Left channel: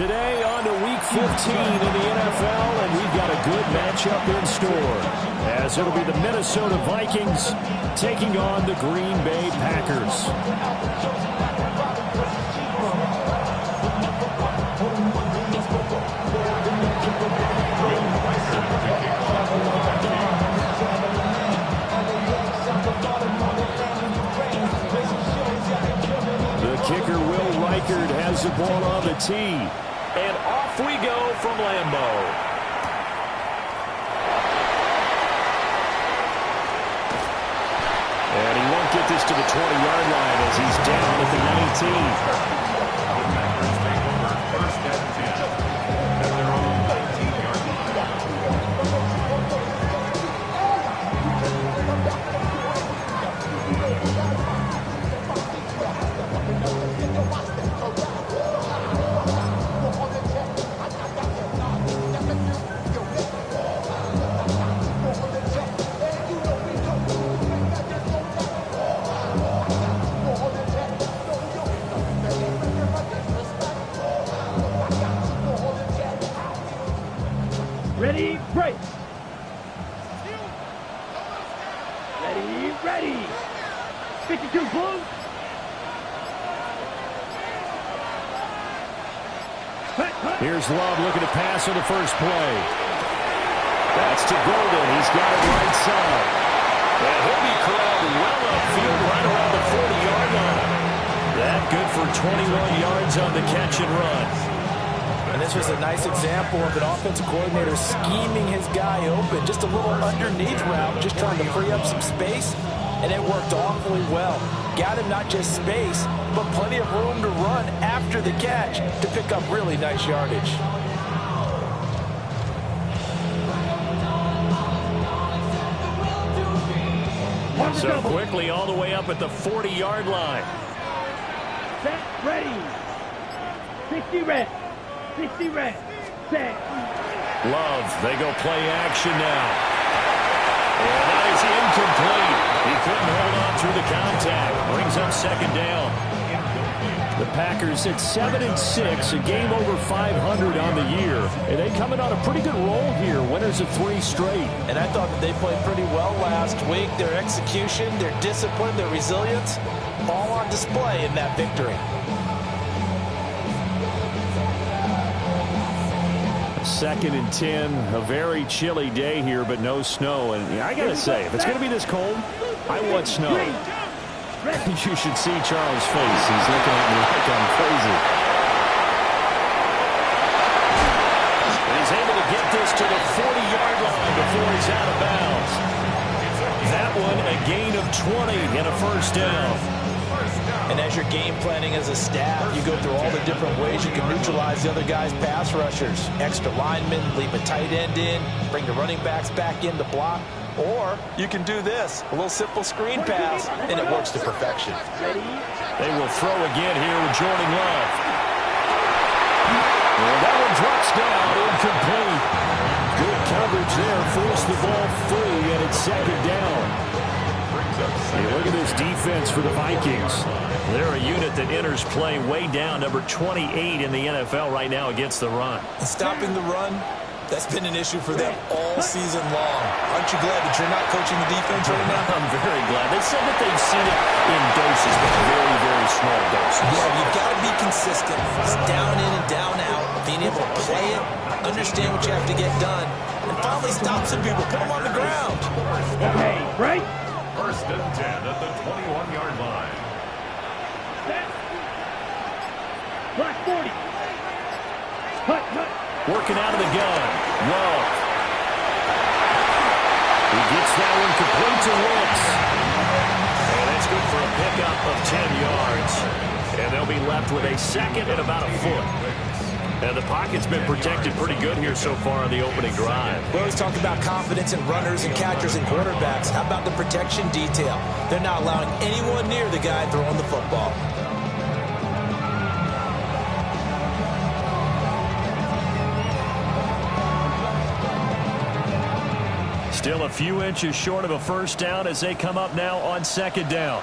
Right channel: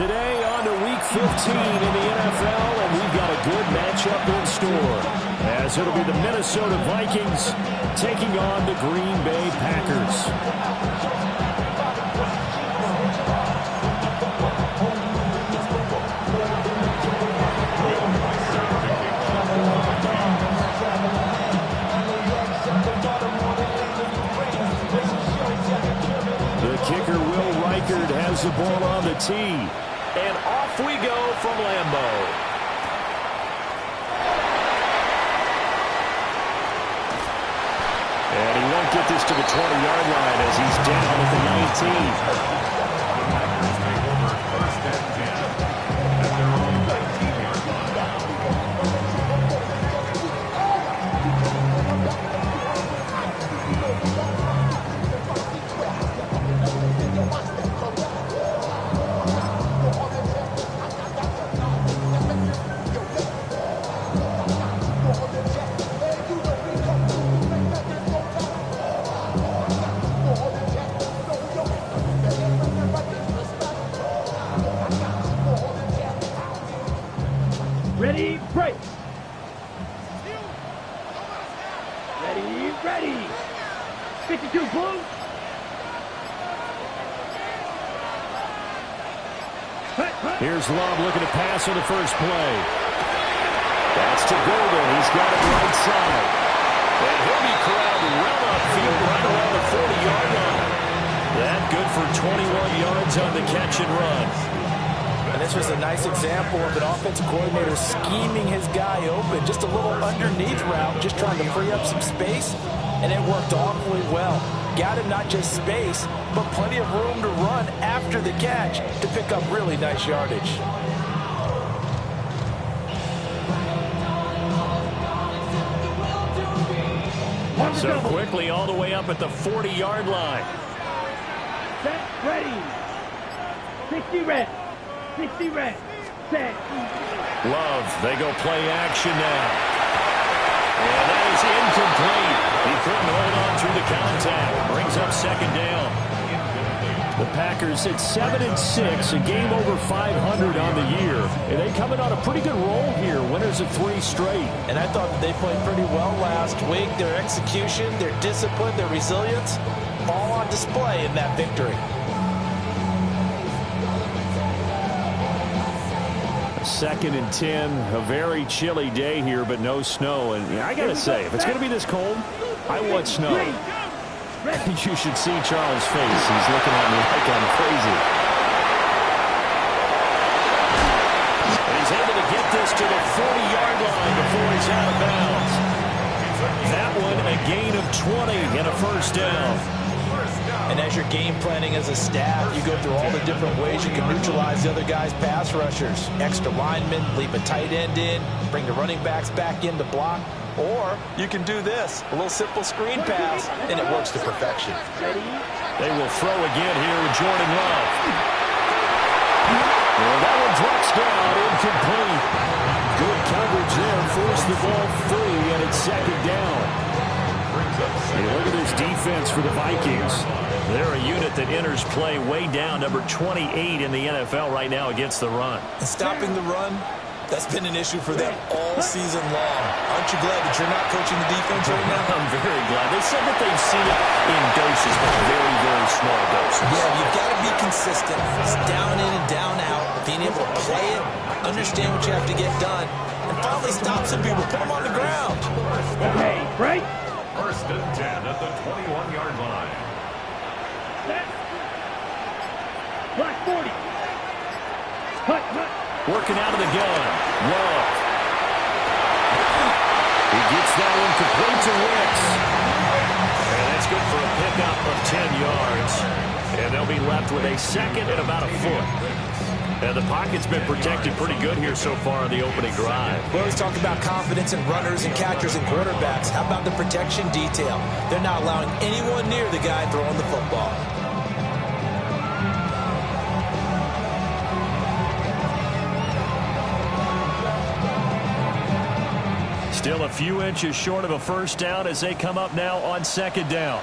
Today on to Week 15 in the NFL, and we've got a good matchup in store, as it'll be the Minnesota Vikings taking on the Green Bay Packers. The kicker, Will Reichard, has the ball on the tee. And off we go from Lambeau. And he won't get this to the 20-yard line as he's down at the 19. The Packers take over first and 10 at their own 19-yard line. Ready, break. Ready, ready. 52 blue. Here's Love looking to pass on the first play. That's to Golden. He's got it right side. And he'll be corralled well upfield right around the 40-yard line. That good for 21 yards on the catch and run. And this was a nice example of an offensive coordinator scheming his guy open. Just a little underneath route, just trying to free up some space. And it worked awfully well. Got him not just space, but plenty of room to run after the catch to pick up really nice yardage. So quickly all the way up at the 40-yard line. Set, ready. 60 red. 60 red. Set. Love, they go play action now. And that is incomplete. He couldn't hold on through the contact. Brings up second down. The Packers at 7-6, a game over 500 on the year. And they coming on a pretty good roll here. Winners of 3 straight. And I thought that they played pretty well last week. Their execution, their discipline, their resilience, all on display in that victory. Second and 10, a very chilly day here, but no snow. And I got to say, if it's going to be this cold, I want snow. You should see Charles' face. He's looking at me like I'm crazy. And he's able to get this to the 40-yard line before he's out of bounds. That one, a gain of 20 and a first down. And as you're game planning as a staff, you go through all the different ways you can neutralize the other guy's pass rushers. Extra linemen, leave a tight end in, bring the running backs back in to block. Or you can do this, a little simple screen pass, and it works to perfection. They will throw again here with Jordan Love. And that one drops down, incomplete. Good coverage there, forced the ball free, and it's second down. Hey, look at this defense for the Vikings. They're a unit that enters play way down, number 28 in the NFL right now against the run. And stopping the run, that's been an issue for them all season long. Aren't you glad that you're not coaching the defense right now? I'm very glad. They said that they've seen it in doses, but very, very small doses. Yeah, you've got to be consistent. It's down in and down out, being able to play it, understand what you have to get done, and finally stop some people, put them on the ground. Okay, right? First and 10 at the 21-yard line. Set. Black 40. Hut, hut. Working out of the gun. Love. He gets that one complete to Wicks. And that's good for a pickup of 10 yards. And they'll be left with a second and about a foot. And the pocket's been protected pretty good here so far on the opening drive. We always talk about confidence in runners and catchers and quarterbacks. How about the protection detail? They're not allowing anyone near the guy throwing the football. Still a few inches short of a first down as they come up now on second down.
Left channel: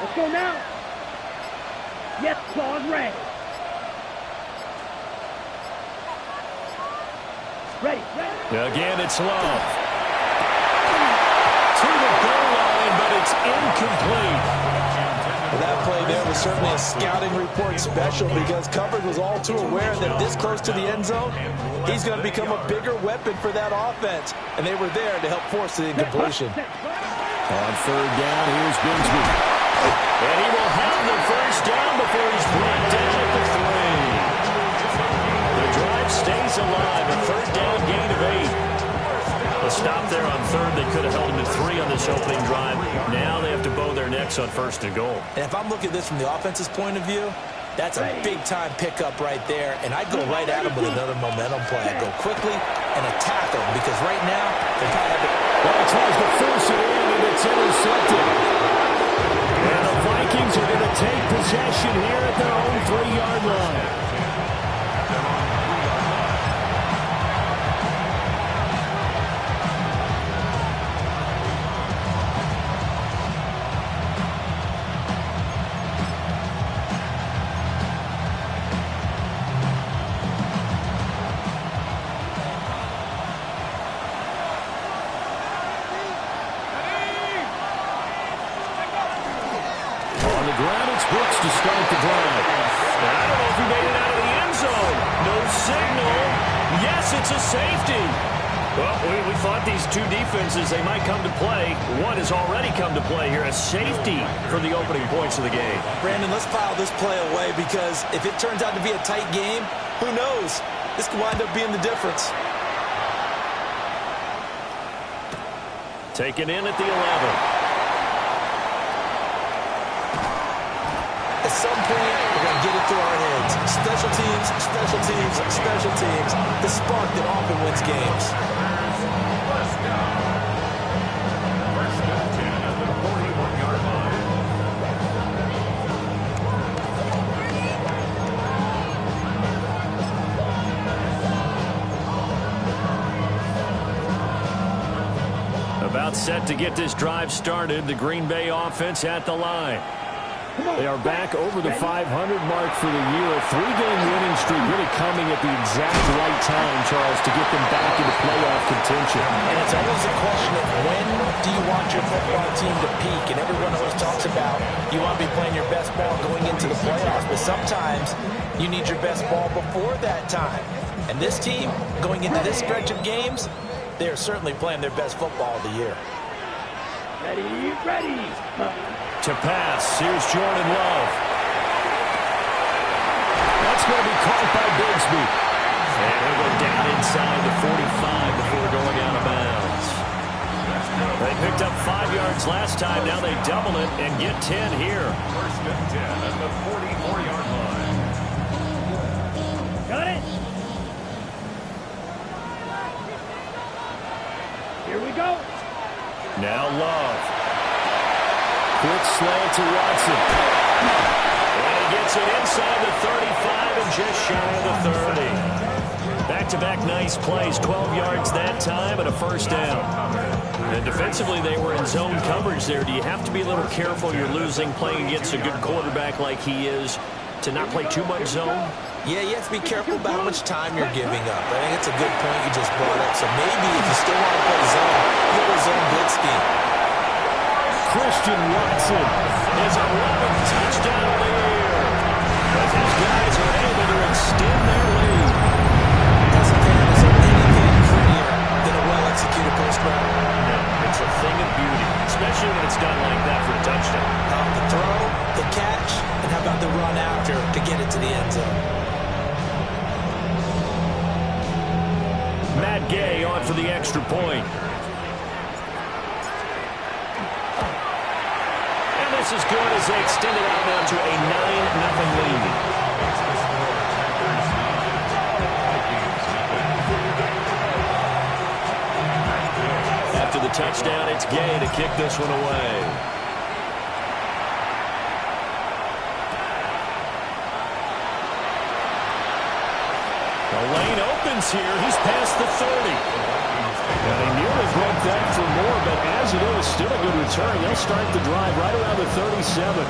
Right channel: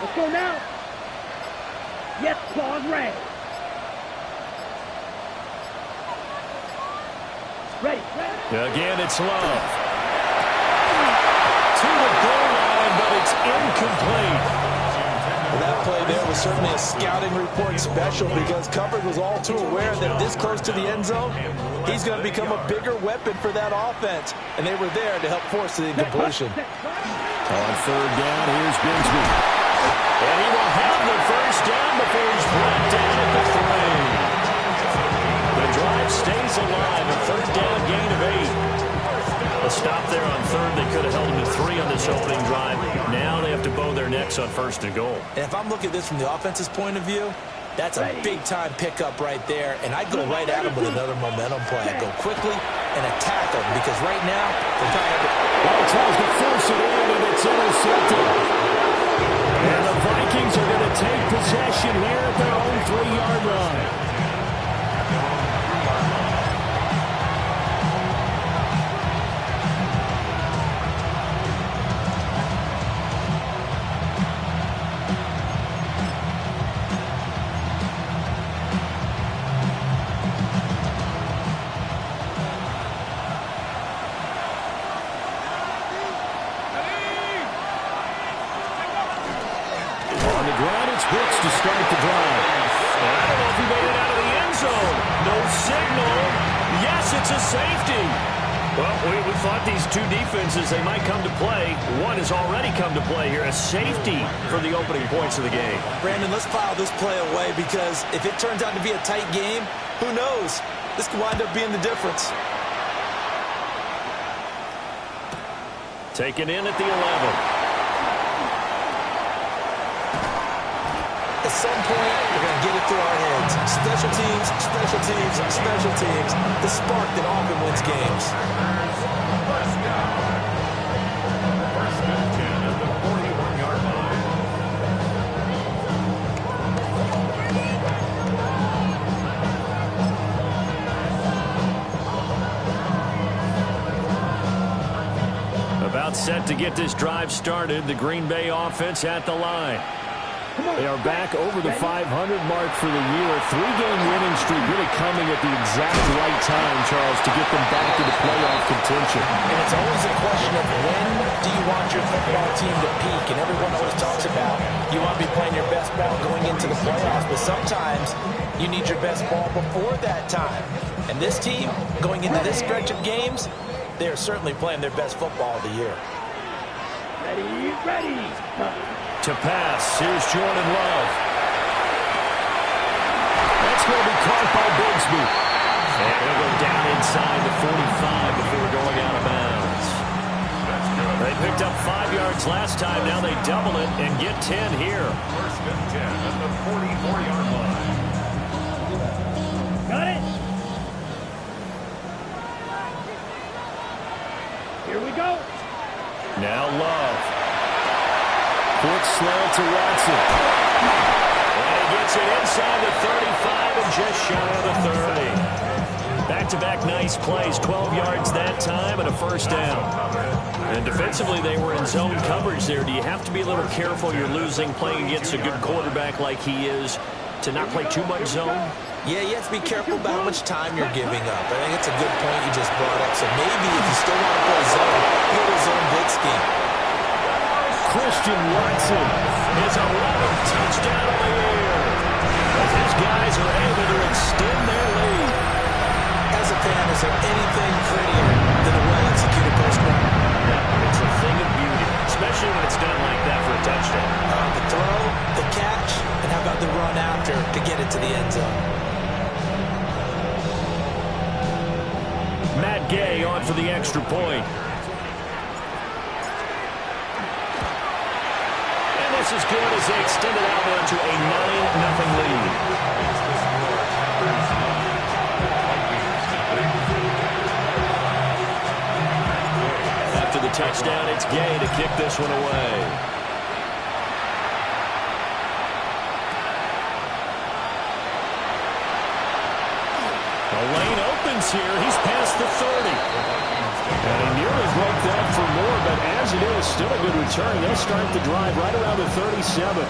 Let's go now. Yes, pause red. Ready. Again, it's Love. To the goal line, but it's incomplete. Well, that play there was certainly a scouting report special because coverage was all too aware that this close to the end zone, he's going to become a bigger weapon for that offense. And they were there to help force the incompletion. On third down, here's Bigsby. And he will have the first down before he's brought down at the 3. The drive stays alive. A third down gain of 8. A stop there on third. They could have held him to 3 on this opening drive. Now they have to bow their necks on first and goal. And if I'm looking at this from the offense's point of view, that's a big-time pickup right there. And I'd go right at him with another momentum play. I'd go quickly and attack him because right now they probably have to... Well, he tries to force it in, and it's intercepted. And the Vikings are going to take possession here at their own 3-yard line. Brooks to start the drive. And I don't know if he made it out of the end zone. No signal. Yes, it's a safety. Well, we thought these two defenses, they might come to play. One has already come to play here. A safety for the opening points of the game. Brandon, let's file this play away because if it turns out to be a tight game, who knows? This could wind up being the difference. Taken in at the 11. At some point, we're going to get it through our heads. Special teams, special teams, special teams. The spark that often wins games. First and 10 at the 41-yard line. About set to get this drive started. The Green Bay offense at the line. They are back over the 500 mark for the year. A 3-game winning streak really coming at the exact right time, Charles, to get them back into playoff contention. And it's always a question of when do you want your football team to peak? And everyone always talks about you want to be playing your best ball going into the playoffs, but sometimes you need your best ball before that time. And this team, going into this stretch of games, they are certainly playing their best football of the year. Ready. To pass, here's Jordan Love. That's going to be caught by Bigsby. And he'll go down inside the 45 before going out of bounds. They picked up 5 yards last time. Now they double it and get 10 here. First and 10 at the 44-yard line. Got it. Here we go. Now Love. Quick slant to Watson. And he gets it inside the 35 and just shy of the 30. Back-to-back nice plays. 12 yards that time and a first down. And defensively, they were in zone coverage there. Do you have to be a little careful? You're losing, playing against a good quarterback like he is, to not play too much zone? Yeah, you have to be careful about how much time you're giving up. I think it's a good point you just brought up. So maybe if you still want to play zone, you go to zone blitz scheme. Christian Watson is 11th touchdown of the year as his guys are able to extend their lead. As a fan, is there anything prettier than a well-executed post route? No, it's a thing of beauty, especially when it's done like that for a touchdown. The throw, the catch, and how about the run after to get it to the end zone? Matt Gay on for the extra point. This is good as they extend it out now to a 9-0 lead. Makes the score Packers 9, Vikings 7. After the touchdown, it's Gay to kick this one away. The lane opens here. He's past the 30. And he nearly broke that for more, but as it is, still a good return. They'll start the drive right around the 37.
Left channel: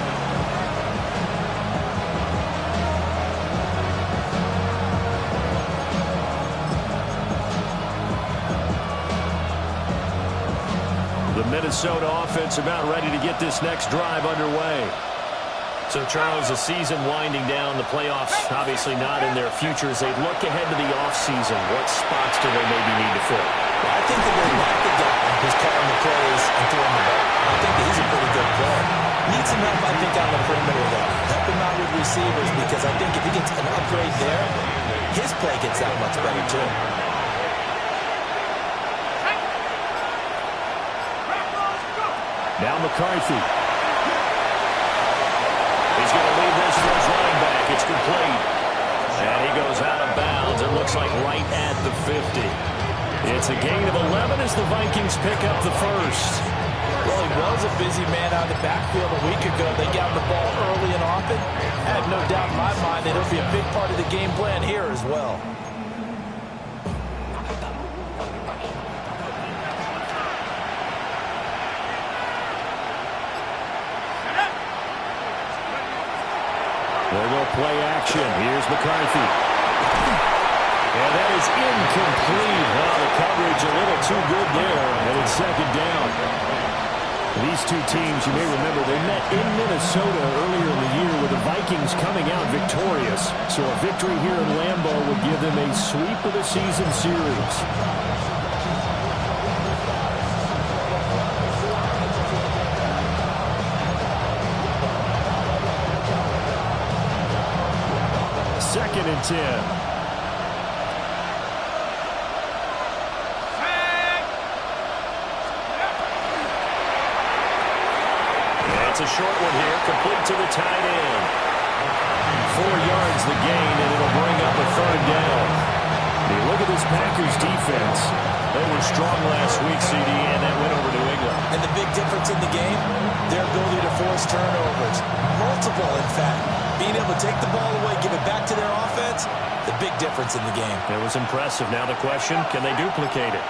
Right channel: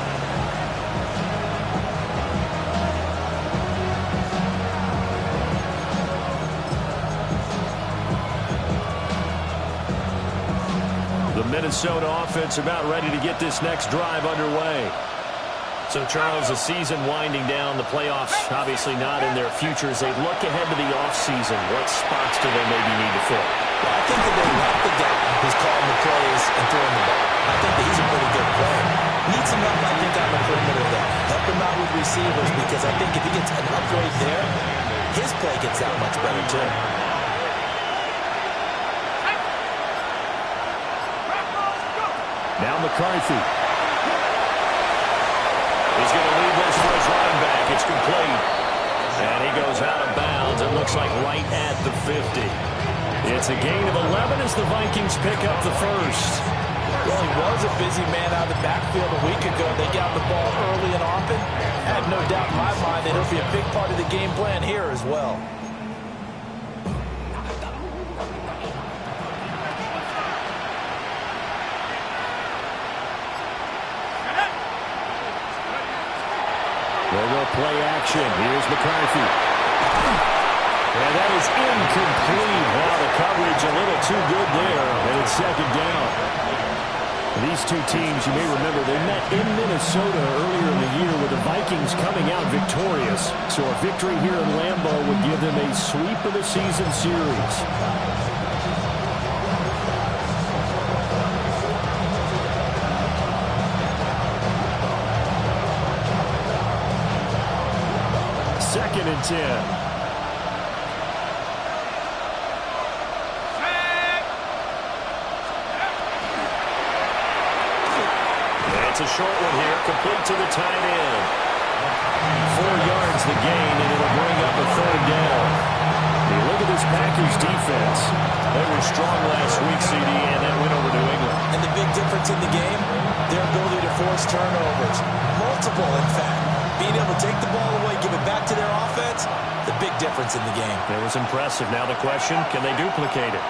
Minnesota offense about ready to get this next drive underway. So, Charles, the season winding down, the playoffs obviously not in their future. As they look ahead to the offseason, what spots do they maybe need to fill? Well, I think that they like the guy who's calling the plays and throwing the ball. I think that he's a pretty good player. Needs some help, I think, on the perimeter, though. Help him out with receivers, because I think if he gets an upgrade there, his play gets that much better, too. Now McCarthy. He's going to leave this for his running back. It's complete. And he goes out of bounds. It looks like right at the 50. It's a gain of 11 as the Vikings pick up the first. Well, he was a busy man out of the backfield a week ago. They got the ball early and often. I have no doubt in my mind that he'll be a big part of the game plan here as well. There go play action. Here's McCarthy. And that is incomplete. Well, the coverage a little too good there, and it's second down. These two teams, you may remember, they met in Minnesota earlier in the year with the Vikings coming out victorious. So a victory here in Lambeau would give them a sweep of the season series. Second and 10. It's a short one here, complete to the tight end. 4 yards the gain, and it'll bring up a third down. You look at this Packers defense. They were strong last week, CD, and that went over New England. And the big difference in the game, their ability to force turnovers. Multiple, in fact. Being able to take the ball away, give it back to their offense, the big difference in the game. It was impressive. Now the question, can they duplicate it?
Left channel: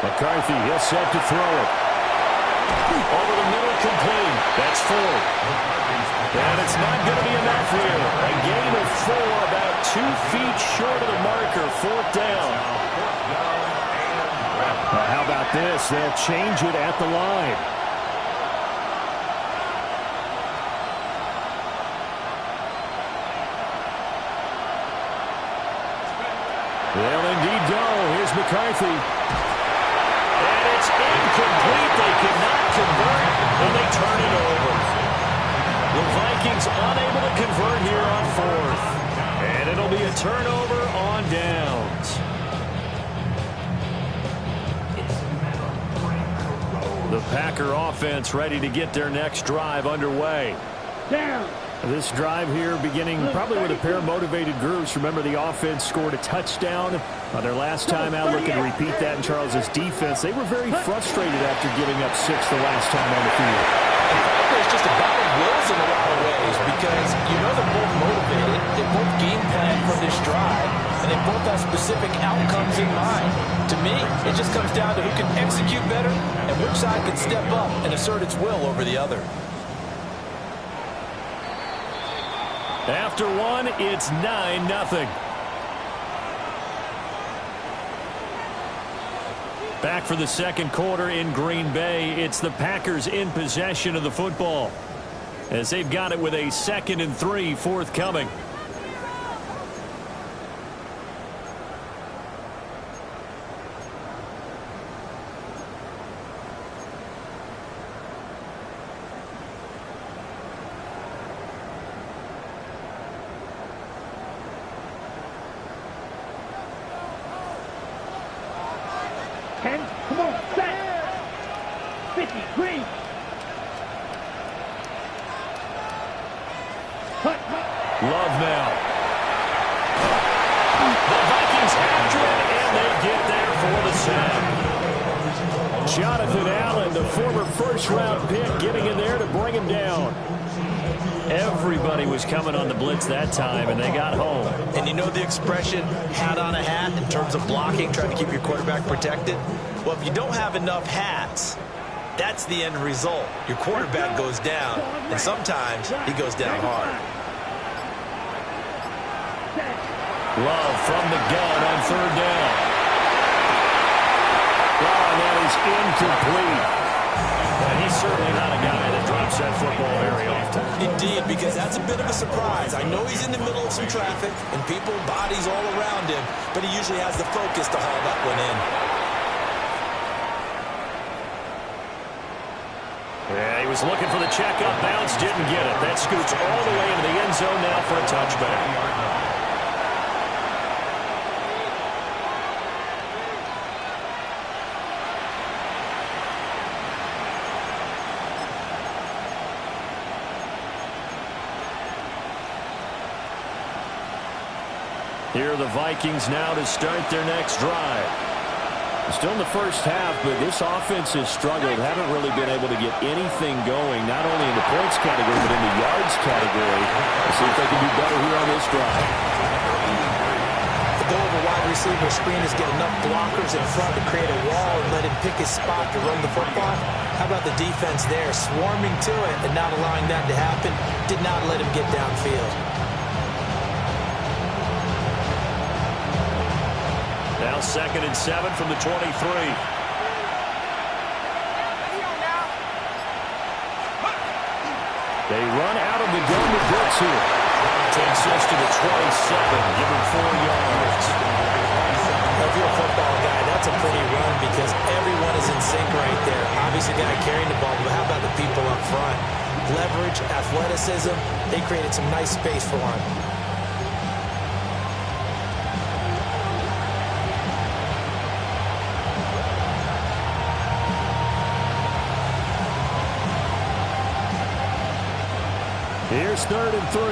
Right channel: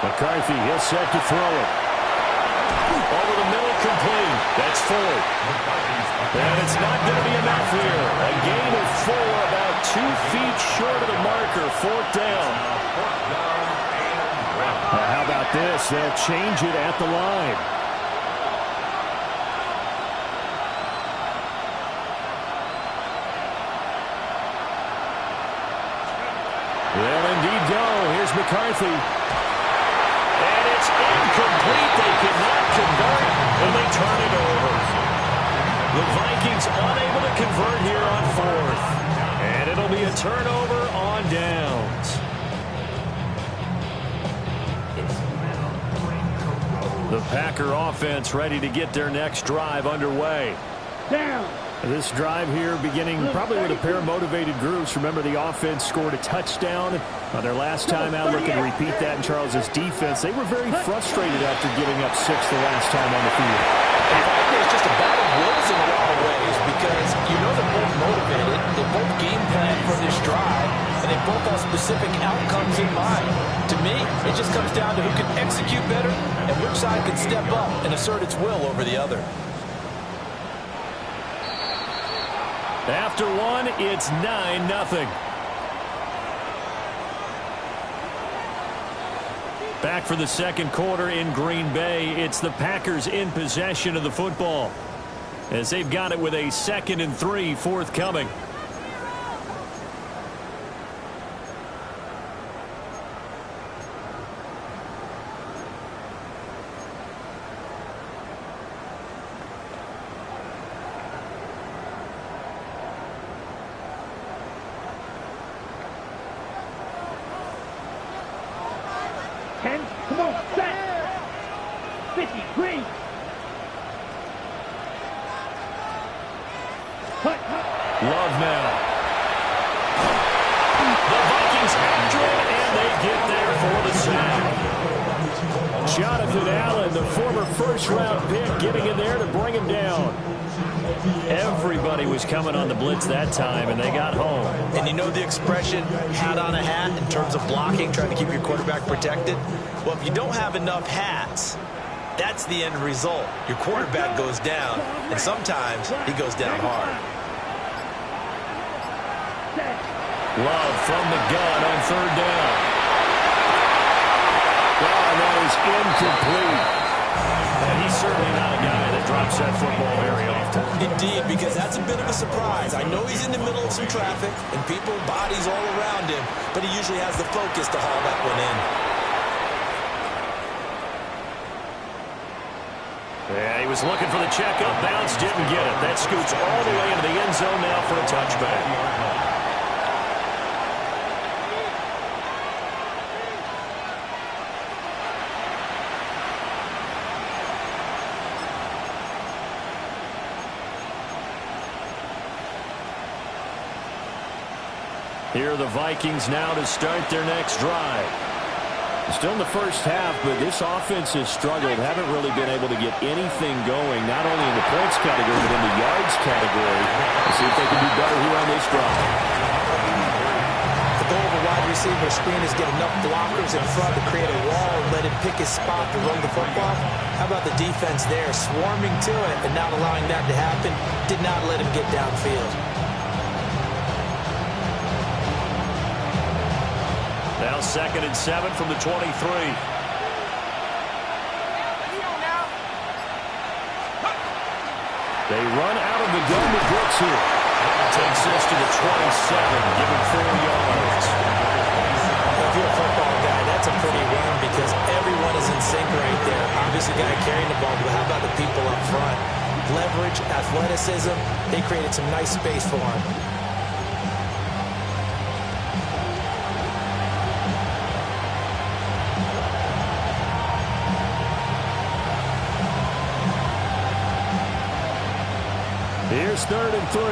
McCarthy, he'll set to throw it. Over the middle, complete. That's 4. And it's not going to be enough here. A gain of 4, about 2 feet short of the marker. 4th down. How about this? They'll change it at the line. They'll indeed go. Here's McCarthy. And it's incomplete. They cannot convert, and they turn it over. The Vikings unable to convert here on 4th. And it'll be a turnover on downs. The Packer offense ready to get their next drive underway. Down. This drive here beginning probably with a pair of motivated groups. Remember, the offense scored a touchdown on their last time out. Looking to repeat that in Charles's defense. They were very frustrated after giving up 6 the last time on the field. And frankly, it's just a battle of wills in a lot of ways, because you know they're both motivated. They both game plan for this drive, and they both have specific outcomes in mind. To me, it just comes down to who can execute better and which side can step up and assert its will over the other. After 1, it's 9-0. Back for the second quarter in Green Bay. It's the Packers in possession of the football, as they've got it with a 2nd and 3 forthcoming. Come on, set. 50, green. Love now. The Vikings after it, and they get there for the sack. Jonathan Allen, the former first-round pick, getting in there to bring him down. Everybody was coming on the blitz that time, and they got home. And you know the expression, hat on a hat, in terms of blocking, trying to keep your quarterback protected? Well, if you don't have enough hats, that's the end result. Your quarterback goes down, and sometimes he goes down hard. Love from the gun on third down. Oh, and that is incomplete. And he's certainly not a guy that drops that football very often. Indeed, because that's a bit of a surprise. I know he's in the middle of some traffic and people, bodies all around him, but he usually has the focus to haul that one in. Yeah, he was looking for the check-up bounce, didn't get it. That scoots all the way into the end zone now for a touchback. Here are the Vikings now to start their next drive. Still in the first half, but this offense has struggled. Haven't really been able to get anything going, not only in the points category, but in the yards category. Let's see if they can do better here on this drive. The goal of a wide receiver screen is get enough blockers in front to create a wall and let him pick his spot to run the football. How about the defense there, swarming to it and not allowing that to happen? Did not let him get downfield. Now 2nd and 7 from the 23. They run out of the gun to Brooks here. Takes this to the 27, give him 4 yards. If you're a football guy, that's a pretty run because everyone is in sync right there. Obviously, the guy carrying the ball, but how about the people up front? Leverage, athleticism, they created some nice space for him. Here's 3rd and 3.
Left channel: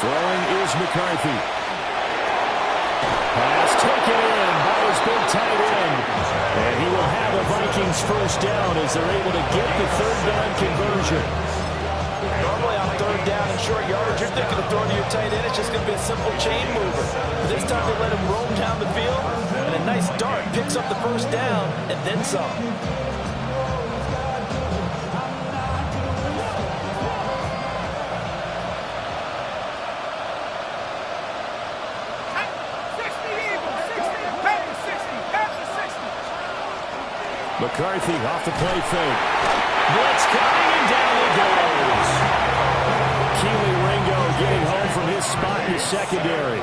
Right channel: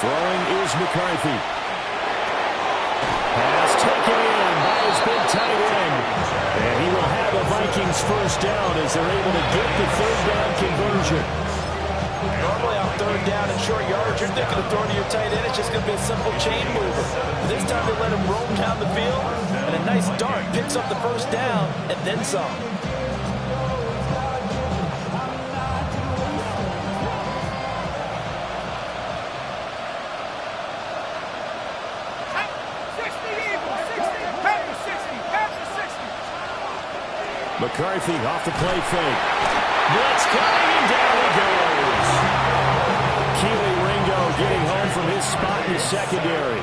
Throwing is McCarthy. Pass taken in by his big tight end. And he will have a Vikings first down as they're able to get the 3rd down conversion. Normally on 3rd down and short yardage, you're thinking of throwing to your tight end. It's just going to be a simple chain mover. But this time they let him roam down the field, and a nice dart picks up the first down and then some. McCarthy off the play fake. Blitz coming, and down he goes. Keely Ringo getting home from his spot in the secondary.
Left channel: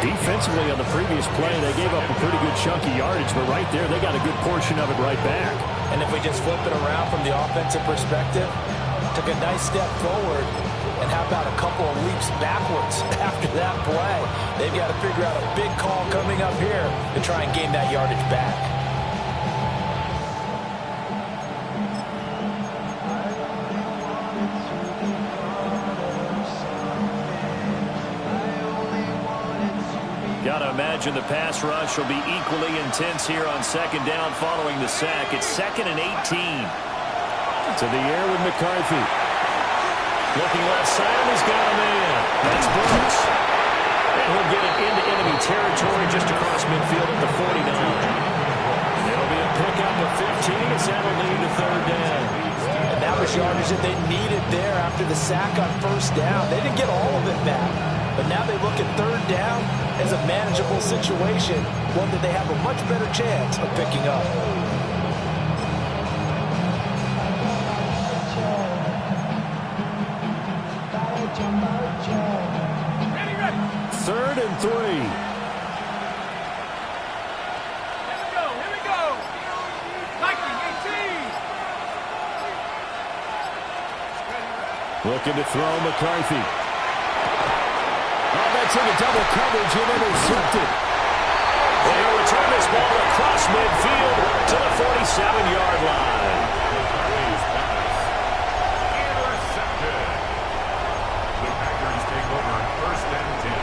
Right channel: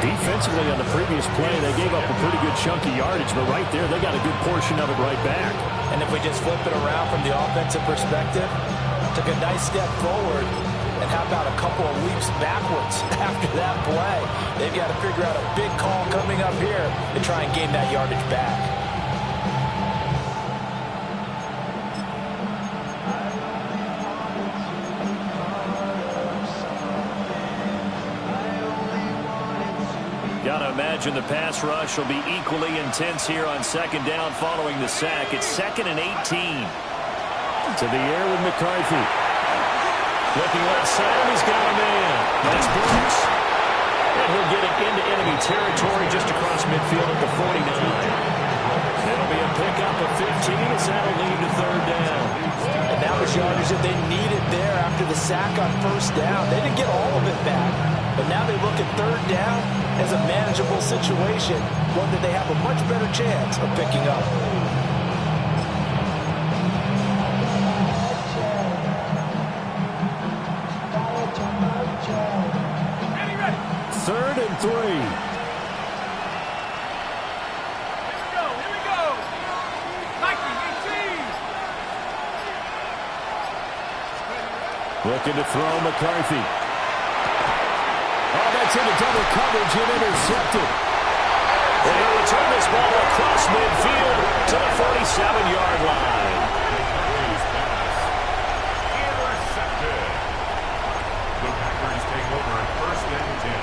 Defensively on the previous play, they gave up a pretty good chunk of yardage, but right there, they got a good portion of it right back. And if we just flip it around from the offensive perspective, took a nice step forward, and how about a couple of leaps backwards after that play? They've got to figure out a big call coming up here to try and gain that yardage back. Got to imagine the pass rush will be equally intense here on 2nd down following the sack. It's 2nd and 18. To the air with McCarthy. Looking left side, and he's got a man. That's Brooks. And he'll get it into enemy territory just across midfield at the 49. It'll be a pickup of 15 as that'll lead to 3rd down. And that was yardage that they needed there after the sack on 1st down. They didn't get all of it back, but now they look at 3rd down as a manageable situation, one that they have a much better chance of picking up. Ready. 3rd and 3. Here we go. Viking 18. Looking to throw McCarthy. Oh, that's into double coverage and intercepted. And he'll return this ball across midfield to the 47-yard line. McCarthy's pass intercepted. The Packers take over 1st and 10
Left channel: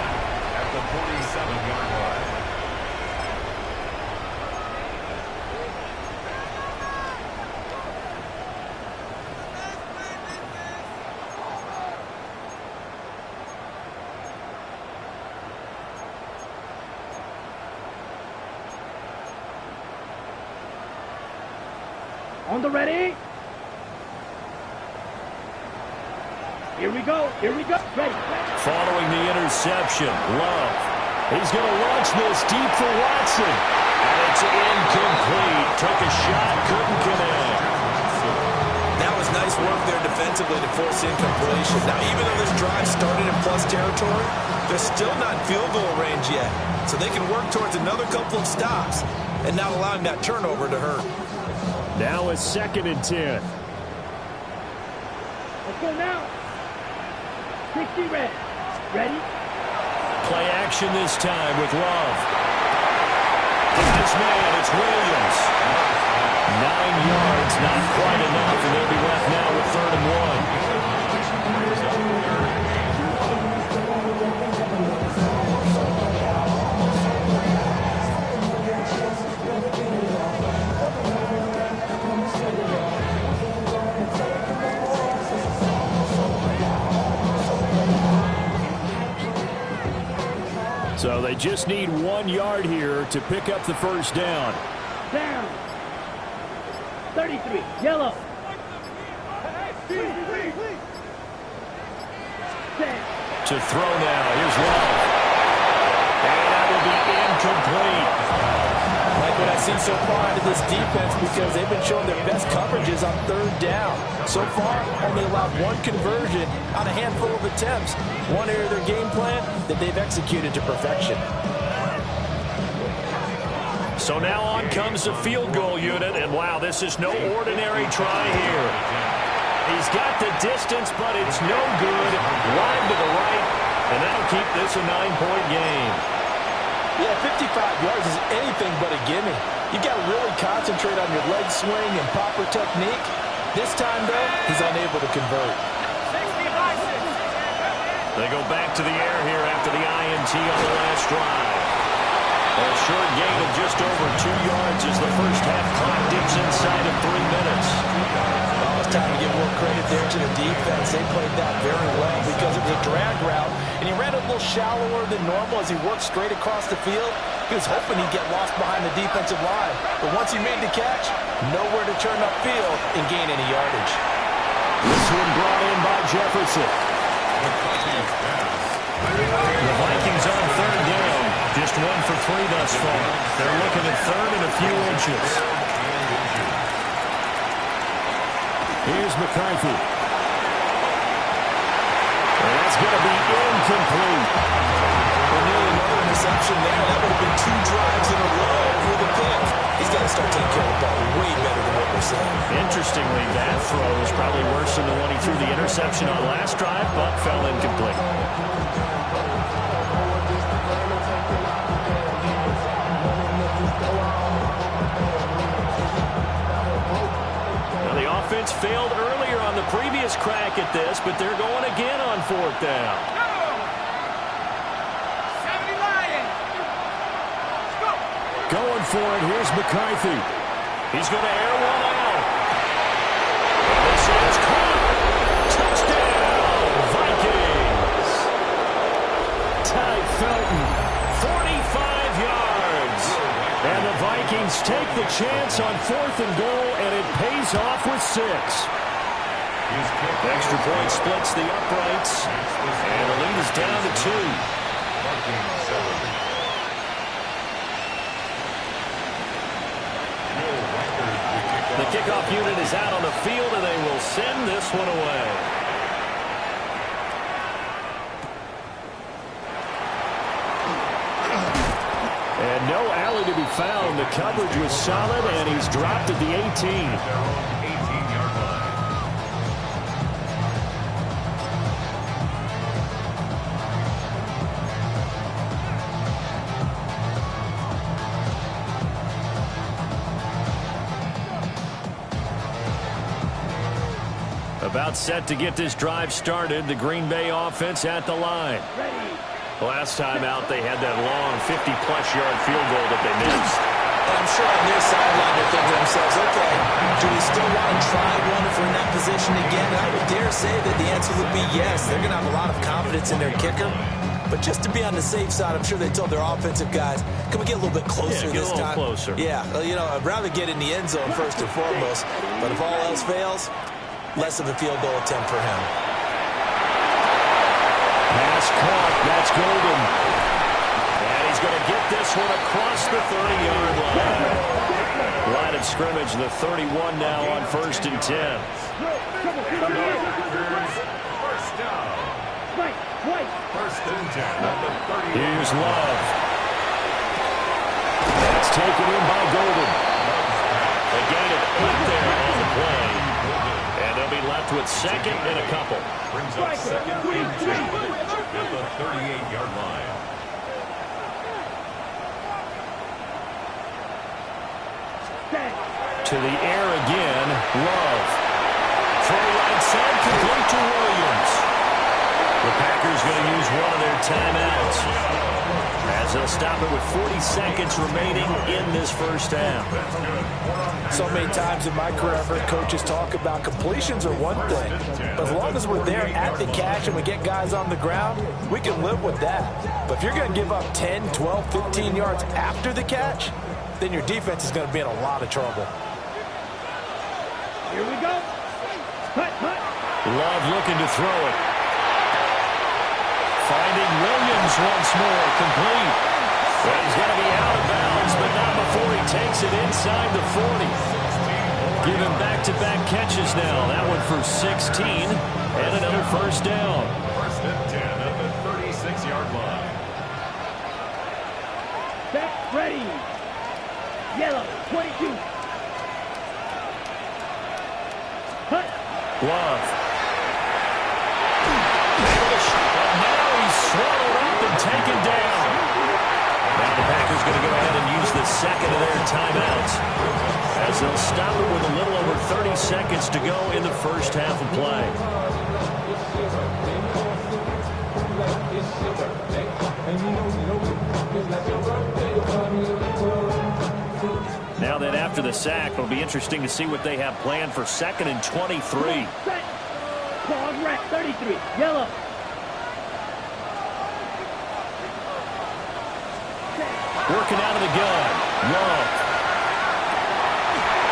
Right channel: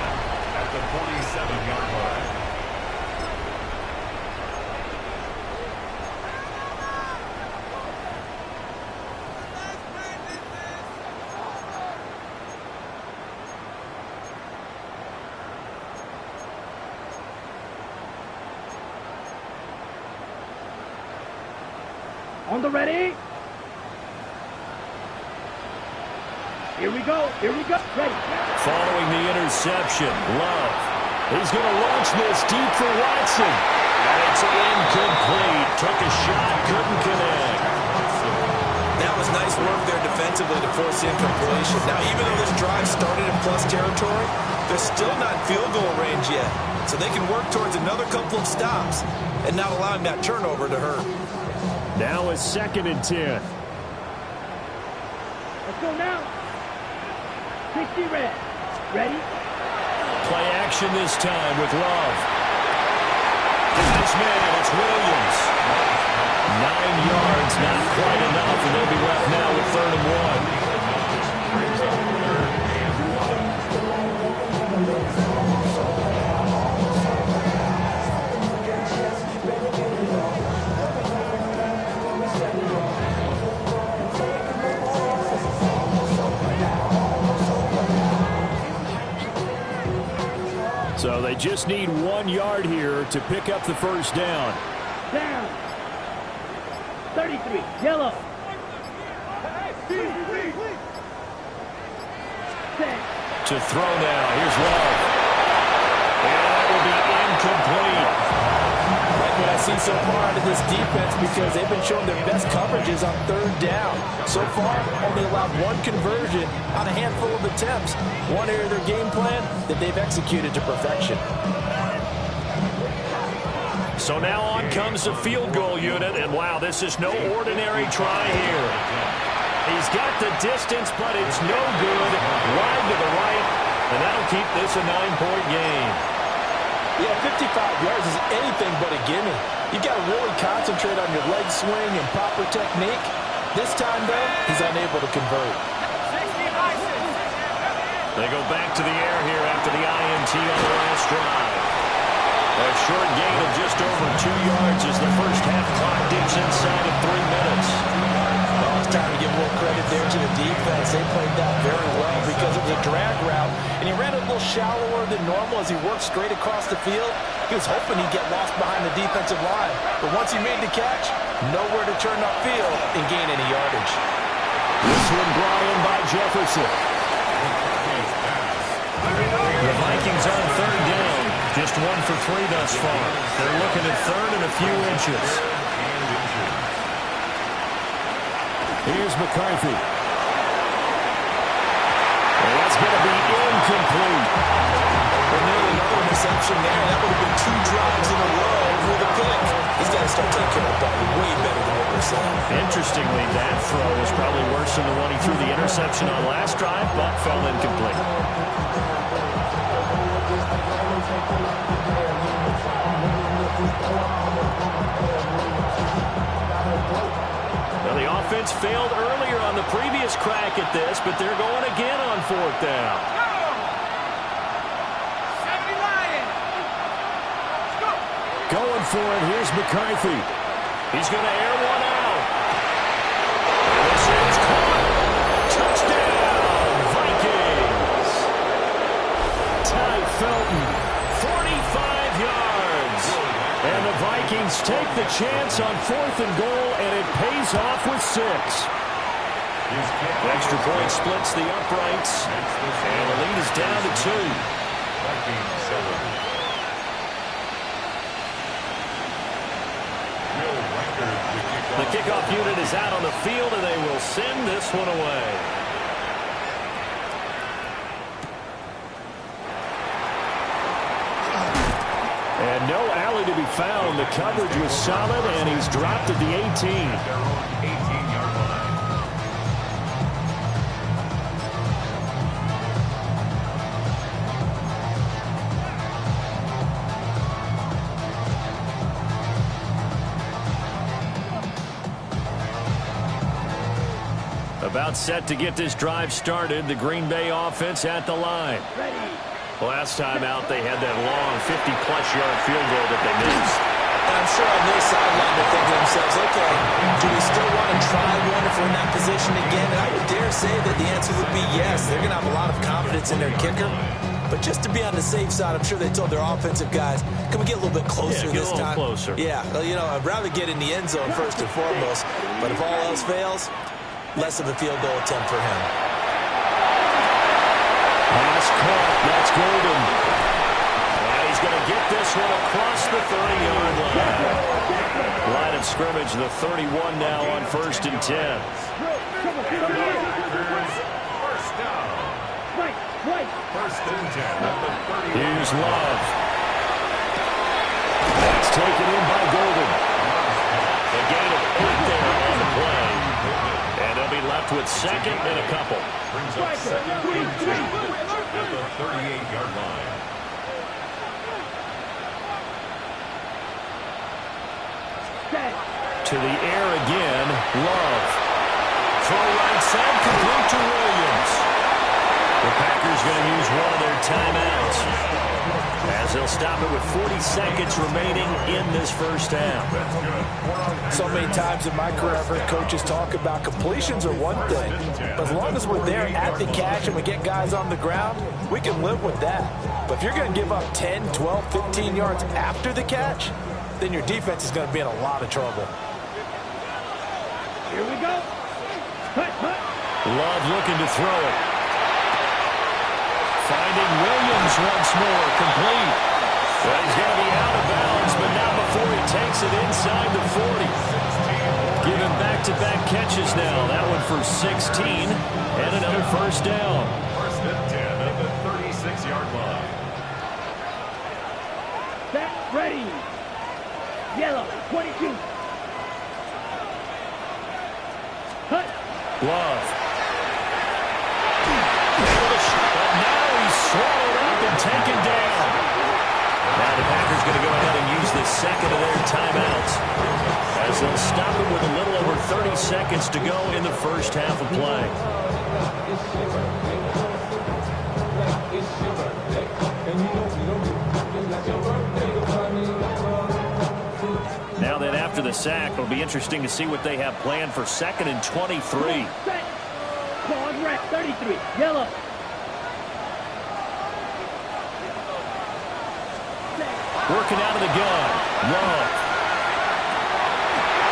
at the 47-yard line. On the ready. Here we go. Here we go. Ready. Following the interception, Love. He's going to launch this deep for Watson. And it's incomplete. Took a shot, couldn't connect. That was nice work there defensively to force incompletion. Now, even though this drive started in plus territory, they're still not in field goal range yet. So they can work towards another couple of stops and not allowing that turnover to hurt. Now it's 2nd and 10. Let's go now. 60 red. Ready? Play action this time with Love. It's this man, it's Williams. 9 yards, not quite enough, and they'll be left now with 3rd and 1. So they just need 1 yard here to pick up the first down. Down. 33. Yellow. To throw now. Here's Love. And that will be incomplete. Like what I see so far out of this defense, because they've been showing their best coverages on 3rd down. So far, only allowed 1 conversion on a handful of attempts. One area of their game plan that they've executed to perfection. So now on comes the field goal unit, and wow, this is no ordinary try here. He's got the distance, but it's no good. Wide to the right, and that'll keep this a 9-point game. Yeah, 55 yards is anything but a gimme. You've got to really concentrate on your leg swing and proper technique. This time, though, he's unable to convert. They go back to the air here after the INT on the last drive. A short gain of just over 2 yards as the first half clock dips inside of 3 minutes. Well, it's time to give more credit there to the defense. They played that very well because it was a drag route, and he ran a little shallower than normal as he worked straight across the field. He was hoping he'd get lost behind the defensive line, but once he made the catch, nowhere to turn upfield and gain any yardage. This one brought in by Jefferson. The Vikings on 3rd down. Just 1 for 3 thus far. They're looking at 3rd and a few inches. Here's McCarthy. And that's going to be incomplete. Well, nearly another interception there. That would have been 2 drives in a row with a pick. He's got to start taking care of the ball way better than what we're seeing. Interestingly, that throw was probably worse than the one he threw the interception on last drive, but fell incomplete. Now, the offense failed earlier on the previous crack at this, but they're going again on 4th down. Go! 70 Lions! Let's go! Going for it, here's McCarthy. He's going to air one out. And this is caught. Touchdown, Vikings. Ty Felton, 45 yards. And the Vikings take the chance on 4th and goal, and it pays off with 6. Extra point splits the uprights, and the lead is down to 2. The kickoff unit is out on the field, and they will send this one away. And no alley to be found. The coverage was solid, and he's dropped at the 18. At their own 18-yard line. About set to get this drive started. The Green Bay offense at the line. Ready. Last time out, they had that long 50-plus yard field goal that they missed. And I'm sure on their sideline they're thinking to themselves, okay, do we still want to try one if we're in that position again? And I would dare say that the answer would be yes. They're going to have a lot of confidence in their kicker. But just to be on the safe side, I'm sure they told their offensive guys, can we get a little bit closer this time? Yeah, get a little closer. Yeah, well, you know, I'd rather get in the end zone first and foremost. But if all else fails, less of a field goal attempt for him. Pass caught. That's Golden. And he's going to get this one across the 30-yard line. Line of scrimmage, the 31 now on 1st and 10. First down. First and 10 at the 30. Here's Love. That's taken in by Golden. A gain of 8 there on the play. And they'll be left with second and a couple. Brings up second and 2 at the 38-yard line. To the air again, Love. Throw right side, complete to Williams. The Packers going to use one of their timeouts as they'll stop it with 40 seconds remaining in this first half. So many times in my career, I've heard coaches talk about completions are one thing. But as long as we're there at the catch and we get guys on the ground, we can live with that. But if you're going to give up 10, 12, 15 yards after the catch, then your defense is going to be in a lot of trouble. Here we go. Love looking to throw it. Finding Williams once more, complete. Well, he's going to be out of bounds, but not before he takes it inside the 40. Give him back-to-back catches now. That one for 16 and another first down. First and 10 at the 36-yard line. Set, ready. Yellow, 22. Hut. Love. But now he's swallowed up and taken down. Now the Packers going to go ahead and use the second of their timeouts as they'll stop it with a little over 30 seconds to go in the first half of play. Now then, after the sack, it'll be interesting to see what they have planned for 2nd and 23. Set. Pause, red, 33. Yellow. Working out of the gun. Love.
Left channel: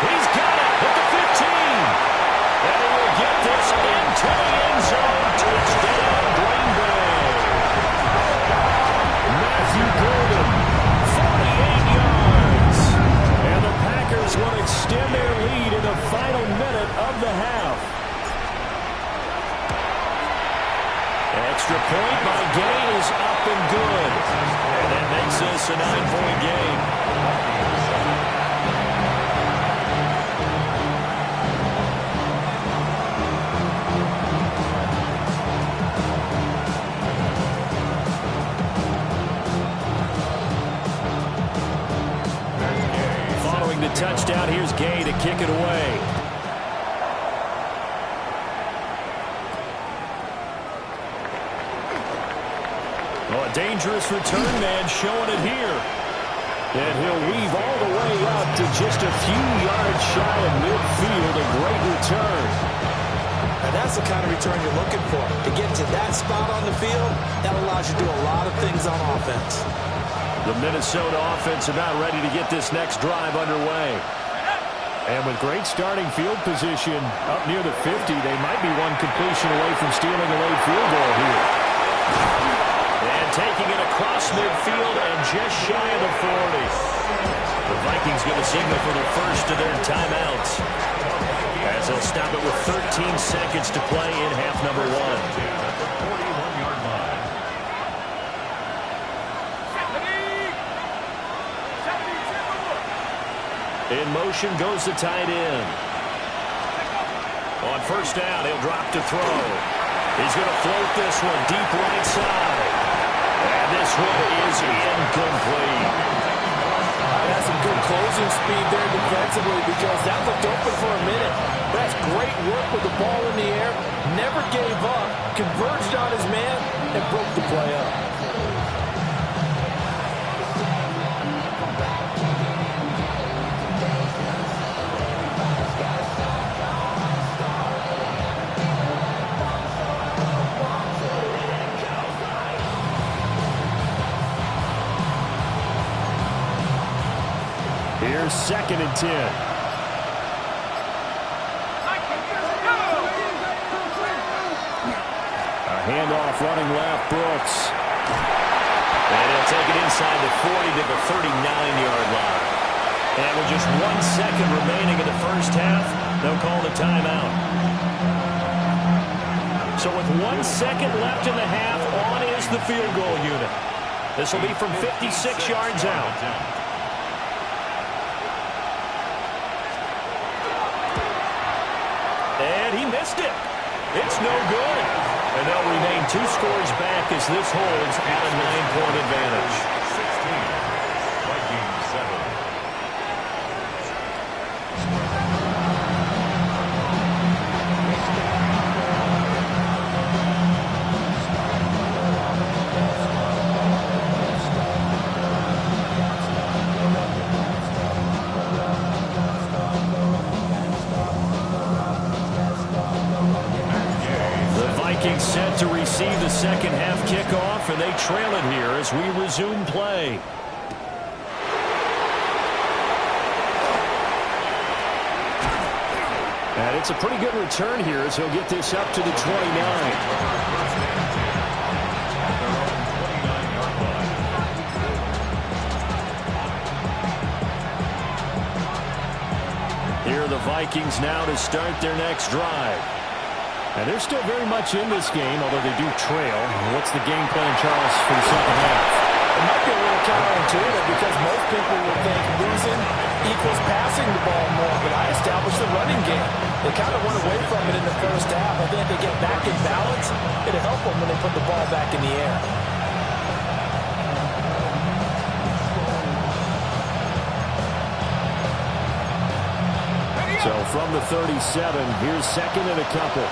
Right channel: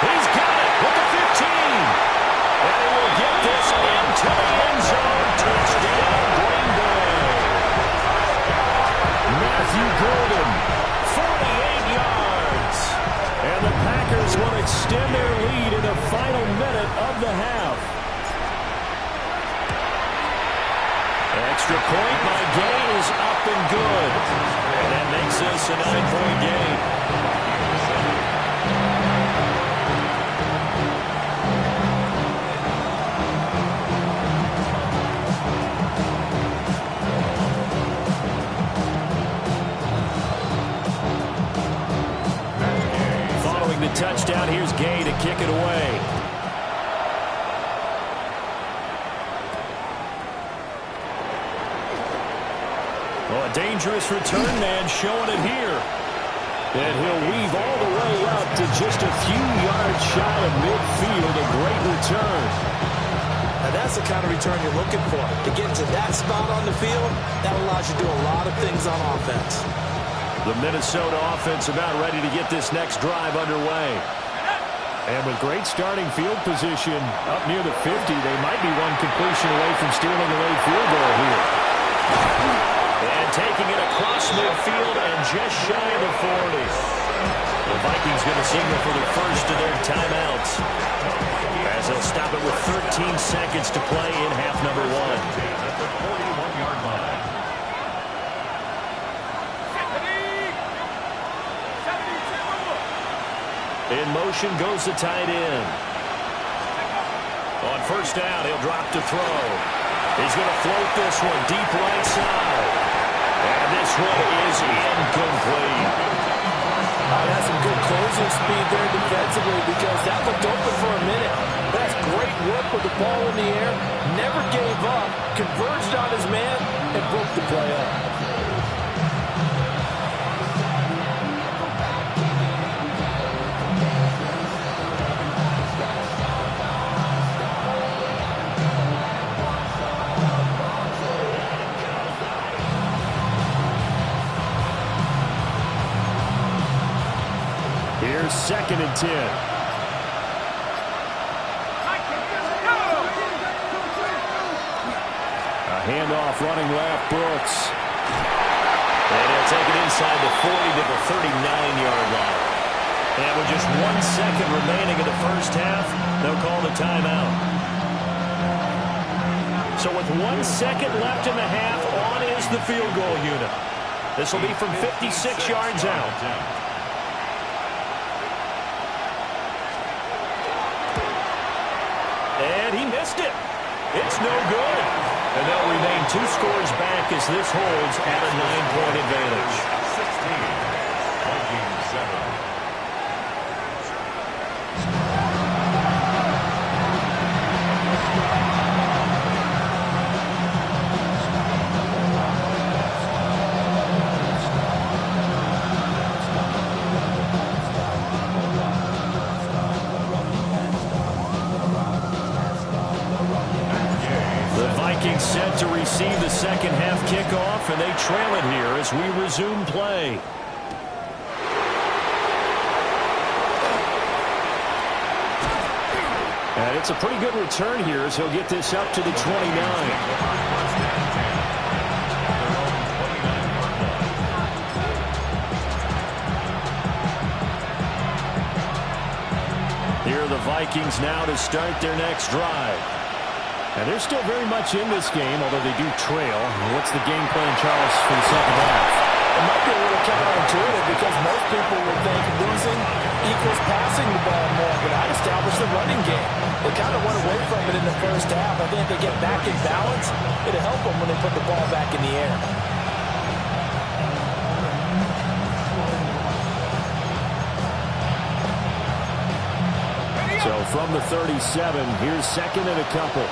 He's got it at the 15. And he will get this into the end zone. Touchdown, Green Bay. Matthew Golden, 48 yards. And the Packers will extend their lead in the final minute of the half. Extra point by Gay is up and good. And that makes this a 9-point game. Following the touchdown, here's Gay to kick it away. Oh, a dangerous return man showing it here. And he'll weave all the way up to just a few yards shy of midfield. A great return. Now that's the kind of return you're looking for. To get to that spot on the field, that allows you to do a lot of things on offense. The Minnesota offense about ready to get this next drive underway. And with great starting field position up near the 50, they might be one completion away from stealing a late field goal here. And taking it across midfield and just shy of the 40. The Vikings going to signal for the first of their timeouts as they'll stop it with 13 seconds to play in half number 1. At the 41-yard line. In motion goes the tight end. On first down, he'll drop to throw. He's going to float this one deep right side. And this one is incomplete. That's some good closing speed there defensively because that looked open for a minute. That's great work with the ball in the air. Never gave up, converged on his man, and broke the play up. Here's 2nd and 10. A handoff running left, Brooks. And he'll take it inside the 40 to the 39-yard line. And with just 1 second remaining in the first half, they'll call the timeout. So with 1 second left in the half, on is the field goal unit. This will be from 56 yards out. And he missed it. It's no good. And they'll remain 2 scores back as this holds at a 9-point advantage. 16, Vikings 7. Vikings set to receive the second half kickoff, and they trail it here as we resume play. And it's a pretty good return here as he'll get this up to the 29. Here are the Vikings now to start their next drive. And they're still very much in this game, although they do trail. What's the game plan, Charles, for the second half? It might be a little counterintuitive because most people would think losing equals passing the ball more, but I established the running game. They kind of went away from it in the first half. I think if they get back in balance, it'll help them when they put the ball back in the air. So from the 37, here's 2nd and a couple.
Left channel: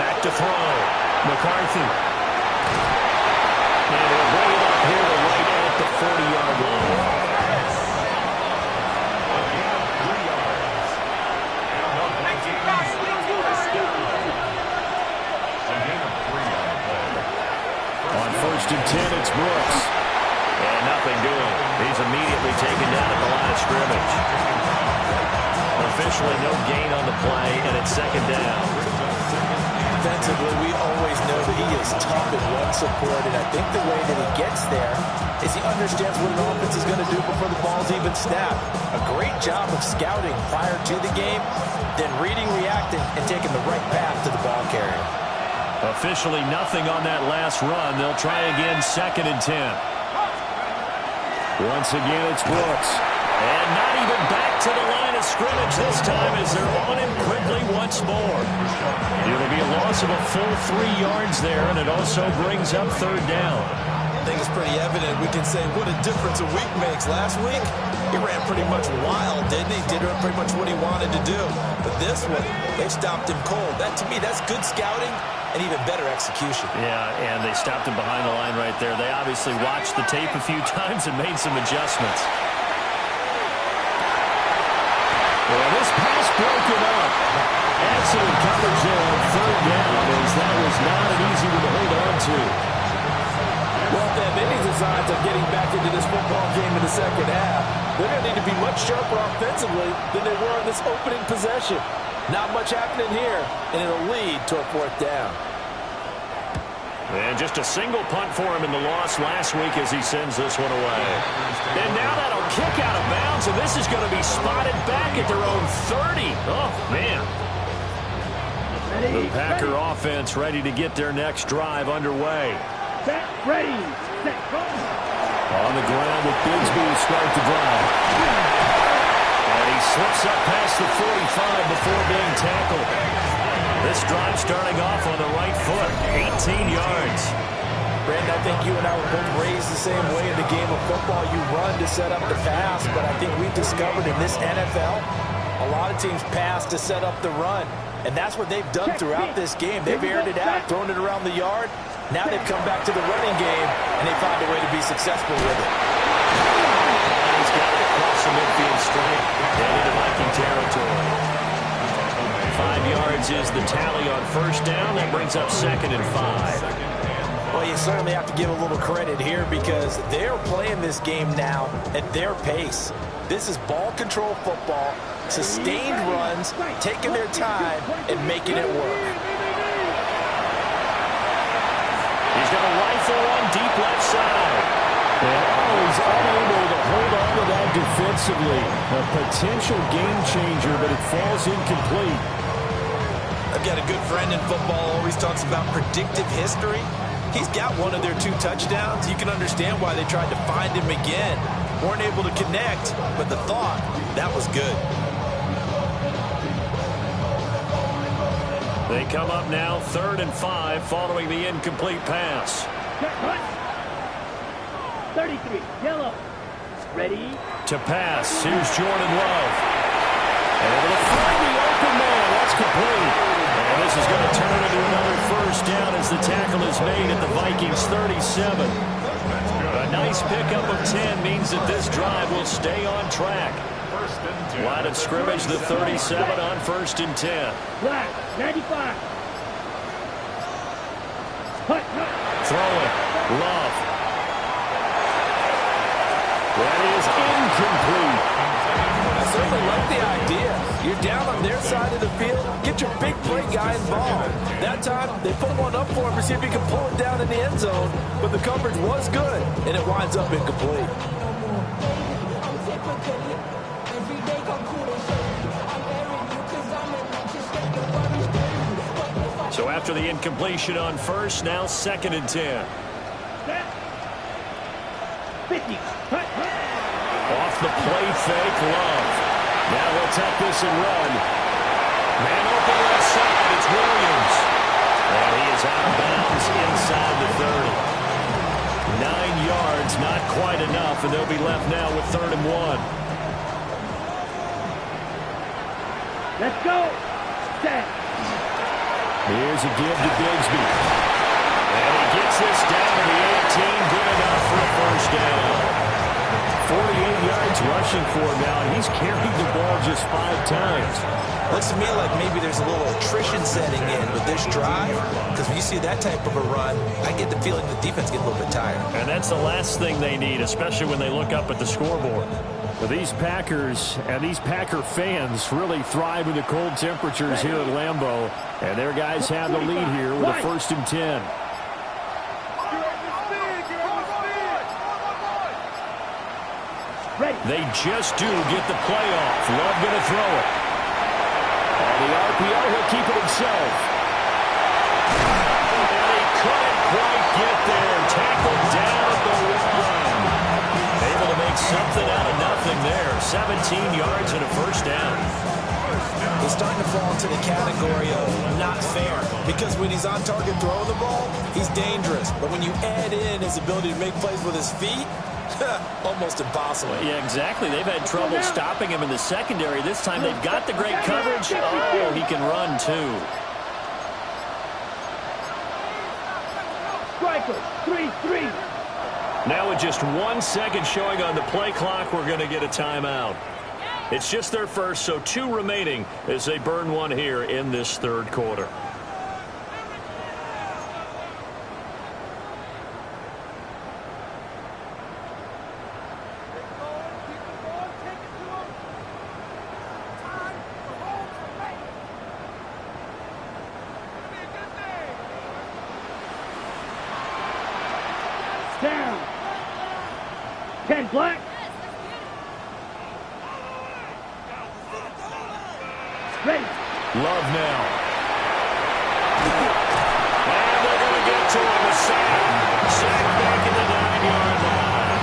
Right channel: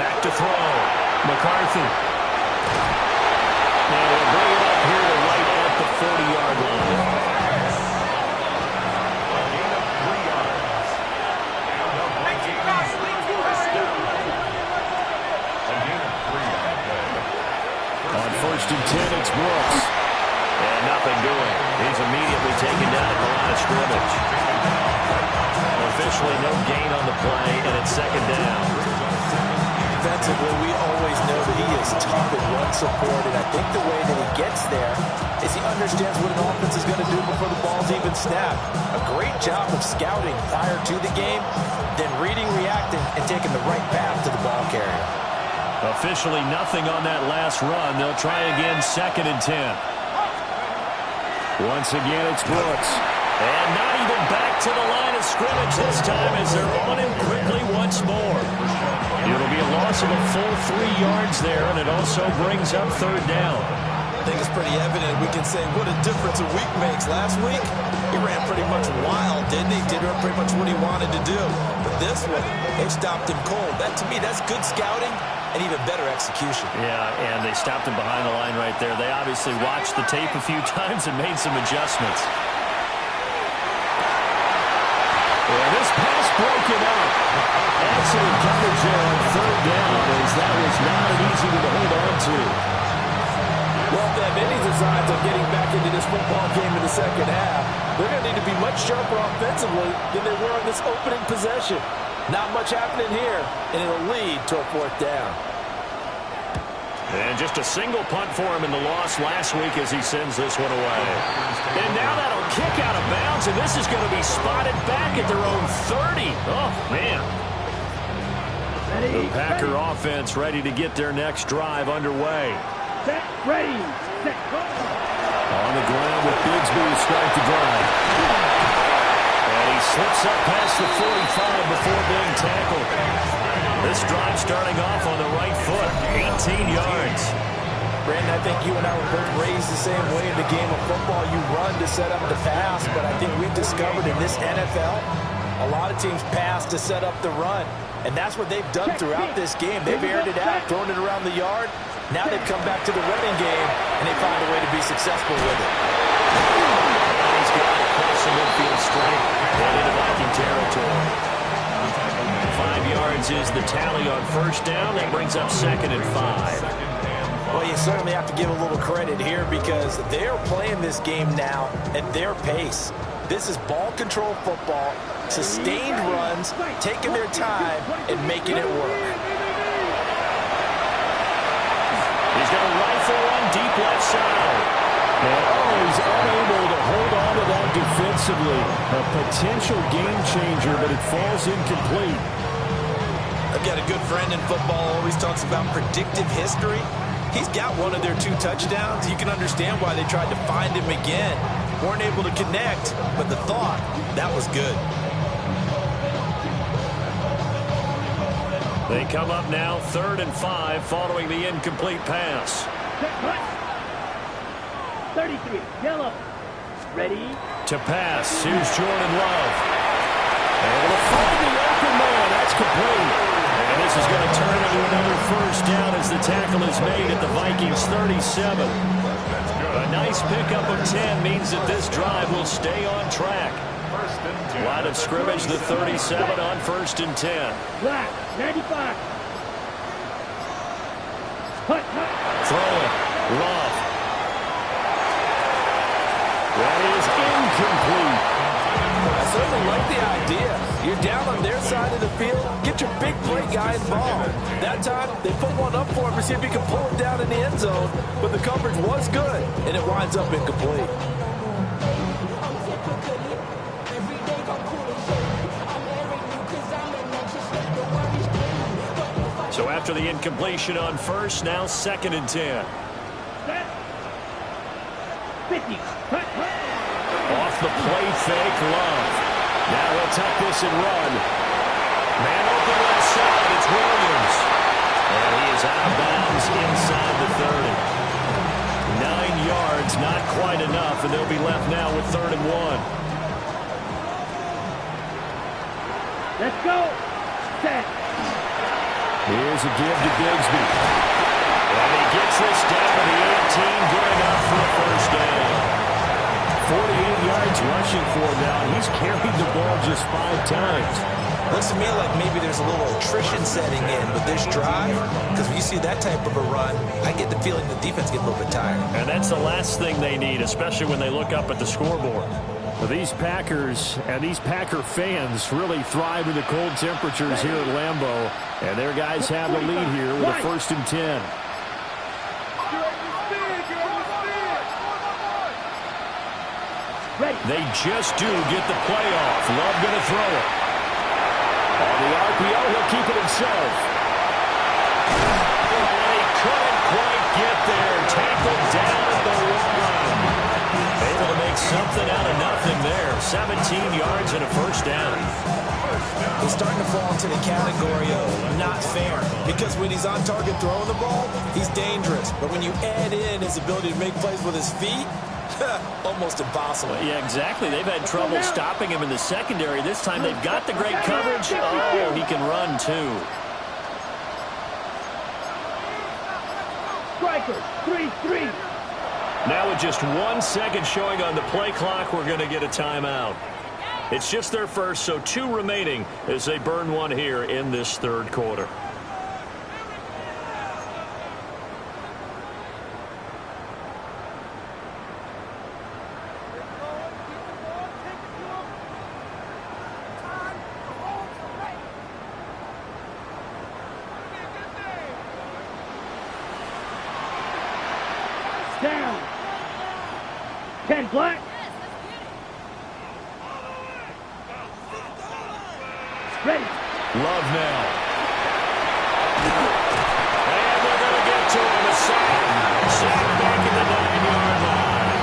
Back to throw. McCarthy. And he'll bring it up here to right at the 40-yard line. A gain of 3 yards. And the Vikings first down. A gain of 3 on the play. On 1st and 10, it's Brooks. And nothing doing. He's immediately taken down at the line of scrimmage. Officially no gain on the play, and it's 2nd down. Defensively, we always know that he is tough in run support, and I think the way that he gets there is he understands what an offense is going to do before the ball's even snapped. A great job of scouting prior to the game, then reading, reacting, and taking the right path to the ball carrier. Officially nothing on that last run. They'll try again, 2nd and 10. Once again, it's Brooks. And not even back to the line of scrimmage this time as they're on him quickly once more. It'll be a loss of a full 3 yards there, and it also brings up 3rd down. I think it's pretty evident. We can say what a difference a week makes. Last week, he ran pretty much wild, didn't he? Did pretty much what he wanted to do. But this one, they stopped him cold. That, to me, that's good scouting and even better execution. Yeah, and they stopped him behind the line right there. They obviously watched the tape a few times and made some adjustments. Well, this pass broken up. Excellent coverage there on 3rd down, as that was not an easy one to hold on to. Well, if they have any designs of getting back into this football game in the second half, they're going to need to be much sharper offensively than they were on this opening possession. Not much happening here, and it'll lead to a 4th down. And just a single punt for him in the loss last week as he sends this one away. And now that'll kick out of bounds, and this is going to be spotted back at their own 30. Oh, man. The Packer offense ready to get their next drive underway. Set, ready, set, go. On the ground with Bigsby to start the drive. And he slips up past the 45 before being tackled. This drive starting off on the right foot, 18 yards. Brandon, I think you and I were both raised the same way in the game of football. You run to set up the pass, but I think we've discovered in this NFL, a lot of teams pass to set up the run. And that's what they've done throughout this game. They've aired it out, thrown it around the yard. Now they've come back to the running game, and they find a way to be successful with it. And he's got it across the midfield straight and into Viking territory. 5 yards is the tally on 1st down. That brings up 2nd and 5. Well, you certainly have to give a little credit here because they're playing this game now at their pace. This is ball control football, sustained runs, taking their time, and making it work. He's going to rifle one deep left side. And, he's unable to hold on to that defensively. A potential game changer, but it falls incomplete. I've got a good friend in football, always talks about predictive history. He's got one of their 2 touchdowns. You can understand why they tried to find him again. Weren't able to connect, but the thought, that was good. They come up now 3rd and 5 following the incomplete pass. 33, yellow. Ready? To pass, here's Jordan Love. Able to find the open man. That's complete. And this is going to turn into another first down as the tackle is made at the Vikings 37. A nice pickup of 10 means that this drive will stay on track. Line of scrimmage, the 37 on 1st and 10. Black, 95. Hut. Throwing, Love. That is incomplete. I certainly like the idea. You're down on their side of the field. Get your big play guy involved. That time, they put one up for him to see if he can pull it down in the end zone. But the coverage was good, and it winds up incomplete. So after the incompletion on 1st, now 2nd and 10. 50. Off the play fake, Love. Now he'll tuck this and run. Man open left side, it's Williams. And he is out of bounds inside the 30. 9 yards, not quite enough, and they'll be left now with 3rd and 1. Let's go. Set. Here's a give to Bigsby. And he gets this down to the 18, good enough for a first down. 48 yards rushing for him now, and he's carried the ball just 5 times. Looks to me like maybe there's a little attrition setting in with this drive, because when you see that type of a run, I get the feeling the defense gets a little bit tired. And that's the last thing they need, especially when they look up at the scoreboard. Well, these Packers and these Packer fans really thrive in the cold temperatures here at Lambeau, and their guys have the lead here with a 1st and 10. They just do get the play off. Love going to throw it. On the RPO, he'll keep it himself. And he couldn't quite get there. Tackled down at the 1. Able to make something out of nothing there. 17 yards and a first down. He's starting to fall into the category of not fair, because when he's on target throwing the ball, he's dangerous. But when you add in his ability to make plays with his feet, almost impossible. Well, yeah, exactly. They've had trouble stopping him in the secondary. This time they've got the great coverage. Oh, he can run too. Strikers, 3-3. Now with just 1 second showing on the play clock, we're going to get a timeout. It's just their first, so 2 remaining as they burn one here in this 3rd quarter. Down. 10 black. Ready. Love now. And they're going to get to him. A sack. Sack back at the 9-yard line.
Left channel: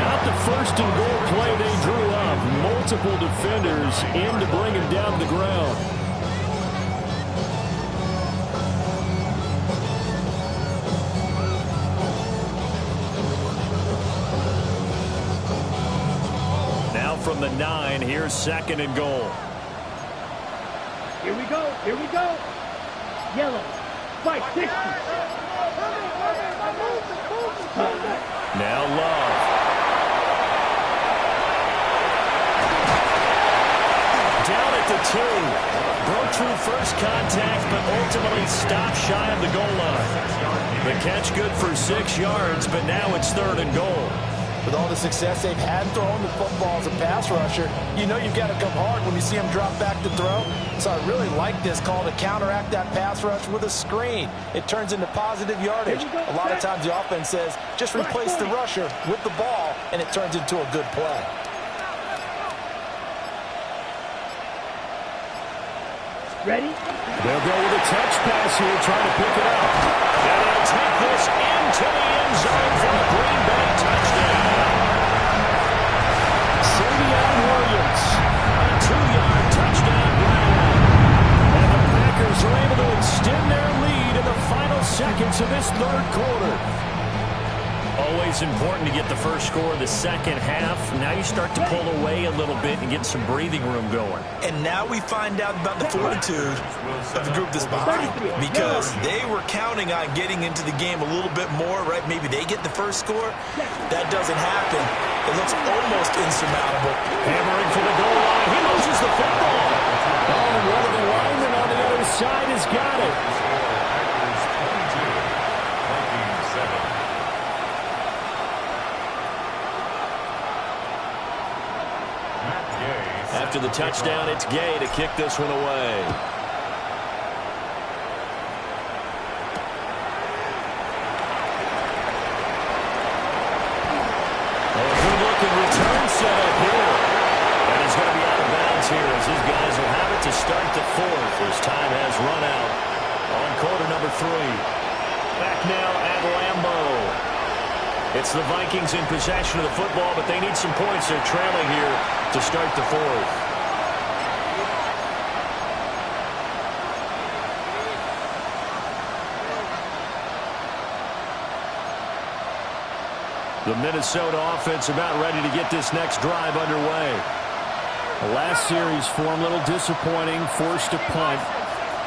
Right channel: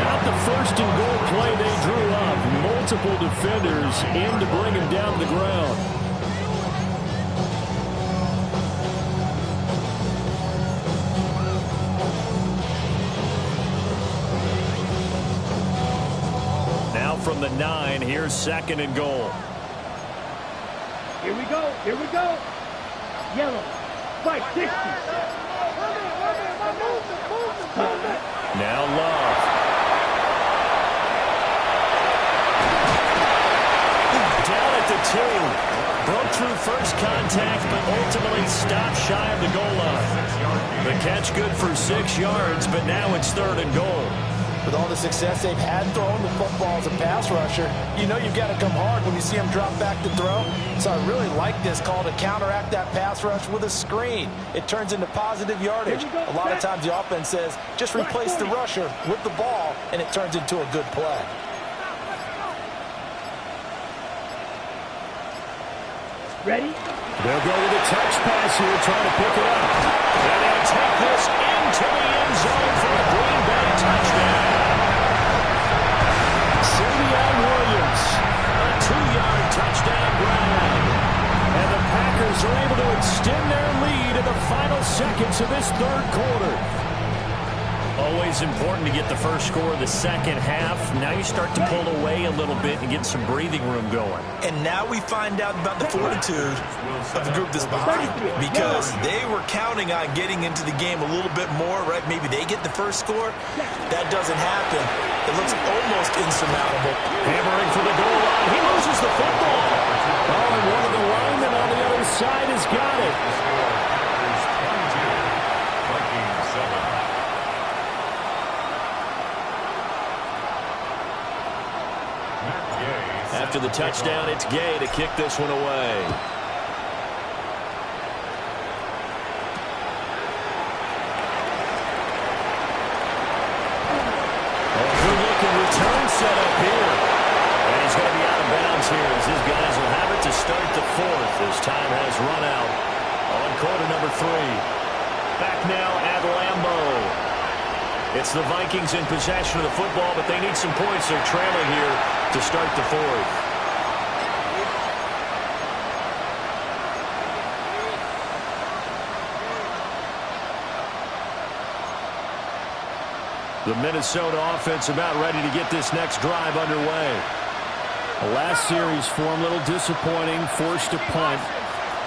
Not the first and goal play they drew up. Multiple defenders in to bring him down to the ground. Now from the 9, here's 2nd and goal. Here we go. Here we go. Yellow. Fight 60. Now Love. Down at the 2. Broke through first contact, but ultimately stopped shy of the goal line. The catch good for 6 yards, but now it's 3rd and goal. With all the success they've had throwing the football as a pass rusher, you know you've got to come hard when you see them drop back to throw. So I really like this call to counteract that pass rush with a screen. It turns into positive yardage. A lot of times the offense says, just replace the rusher with the ball, and it turns into a good play. Ready? They'll go with a touch pass here, trying to pick it up. And he'll take this into the end zone for a Green Bay touchdown. Savion Williams, a 2-yard touchdown grab. And the Packers are able to extend their lead in the final seconds of this 3rd quarter. Always important to get the first score of the second half. Now you start to pull away a little bit and get some breathing room going. And now we find out about the fortitude of the group that's behind, because they were counting on getting into the game a little bit more, right? Maybe they get the first score. That doesn't happen. It looks almost insurmountable. Hammering for the goal line. He loses the football. Oh, and one of the linemen on the other side has got it. Packers 22, Vikings 7. After the touchdown, it's Gay to kick this one away. Oh, good-looking return setup here. And he's going to be out of bounds here as his guys will have it to start the 4th as time has run out on quarter number 3. Back now at Lambeau. It's the Vikings in possession of the football, but they need some points. They're trailing here to start the 4th. The Minnesota offense about ready to get this next drive underway. The last series form a little disappointing, forced to punt.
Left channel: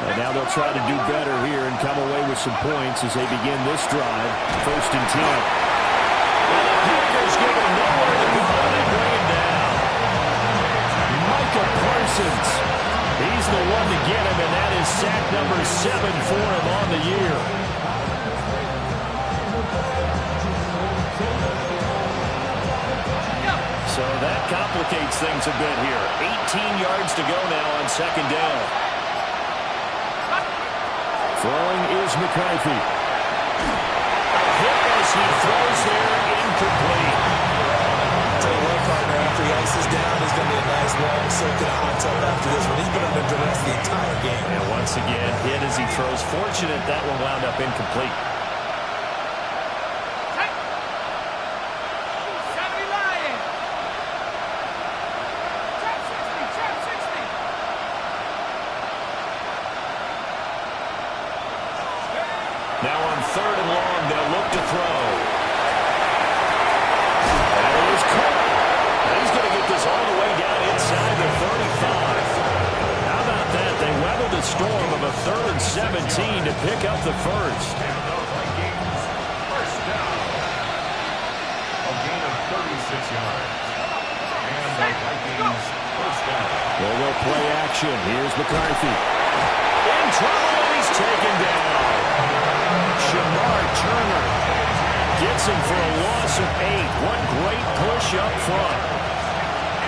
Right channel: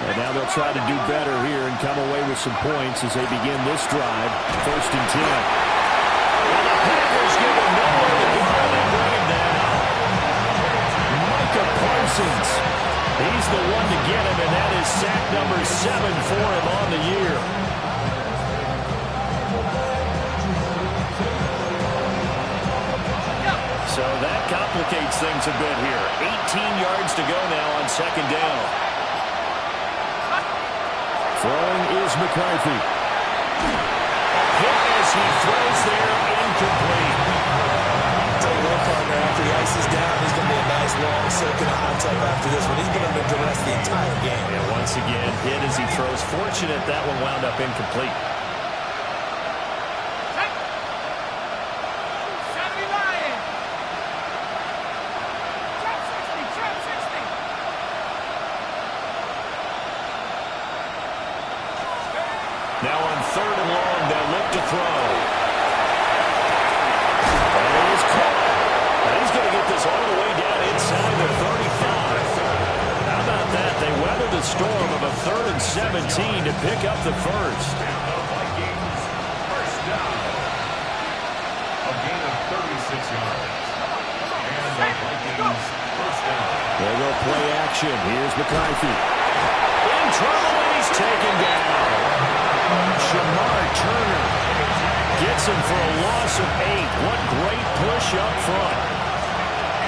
And now they'll try to do better here and come away with some points as they begin this drive. 1st and 10. And the Packers give him nowhere to go, and they bring him down. Micah Parsons. He's the one to get him, and that is sack number 7 for him on the year. So that complicates things a bit here. 18 yards to go now on 2nd down. Throwing is McCarthy. Hit as he throws there, incomplete. I'll tell you what, partner, after he ices down, there's going to be a nice long soak in a hot tub after this one. He's been under duress the entire game. And once again, hit as he throws. Fortunate that one wound up incomplete. Now on 3rd and long, they'll look to throw. And it is caught. And he's going to get this all the way down inside the 35. How about that? They weather the storm of a 3rd and 17 to pick up the first. And the Vikings, first down. A gain of 36 yards. And the Vikings, first down. They will play action. Here's McCarthy. In trouble, and he's taken down. Shamar Turner gets him for a loss of 8. What great push up front.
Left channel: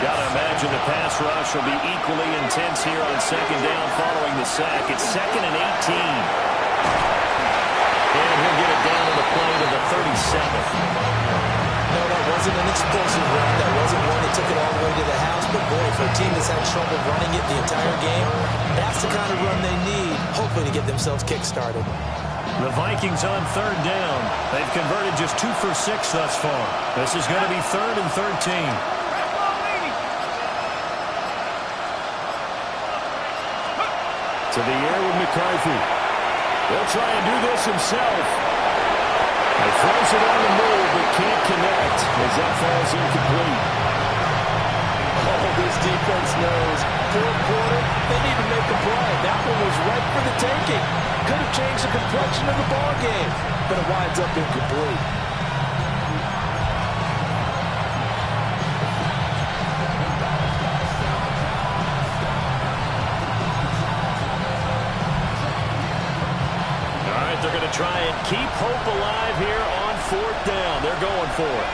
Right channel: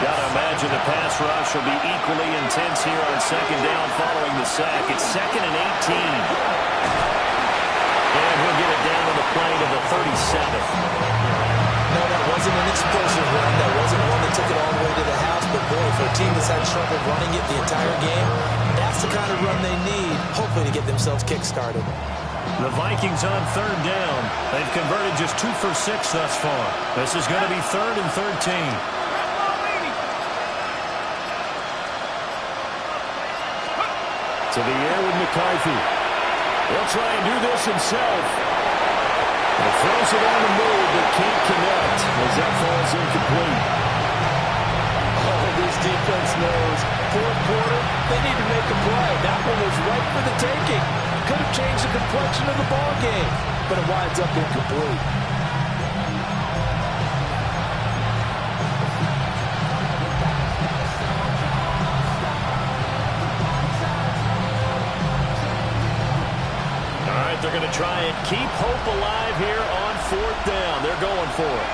Got to imagine the pass rush will be equally intense here on 2nd down following the sack. It's 2nd and 18. And he'll get it down to the plane of the 37. No, that wasn't an explosive run. That wasn't one that took it all the way to the house. But, boy, for a team that's had trouble running it the entire game, that's the kind of run they need, hopefully, to get themselves kick-started. The Vikings on 3rd down. They've converted just 2 for 6 thus far. This is going to be 3rd and 13. To the air with McCarthy. He'll try and do this himself. He throws it on the move, but can't connect as that falls incomplete. Oh, this defense knows. 4th quarter, they need to make a play. That one was right for the taking. Could have changed the complexion of the ball game, but it winds up incomplete. they're going to try and keep hope alive here on 4th down. They're going for it.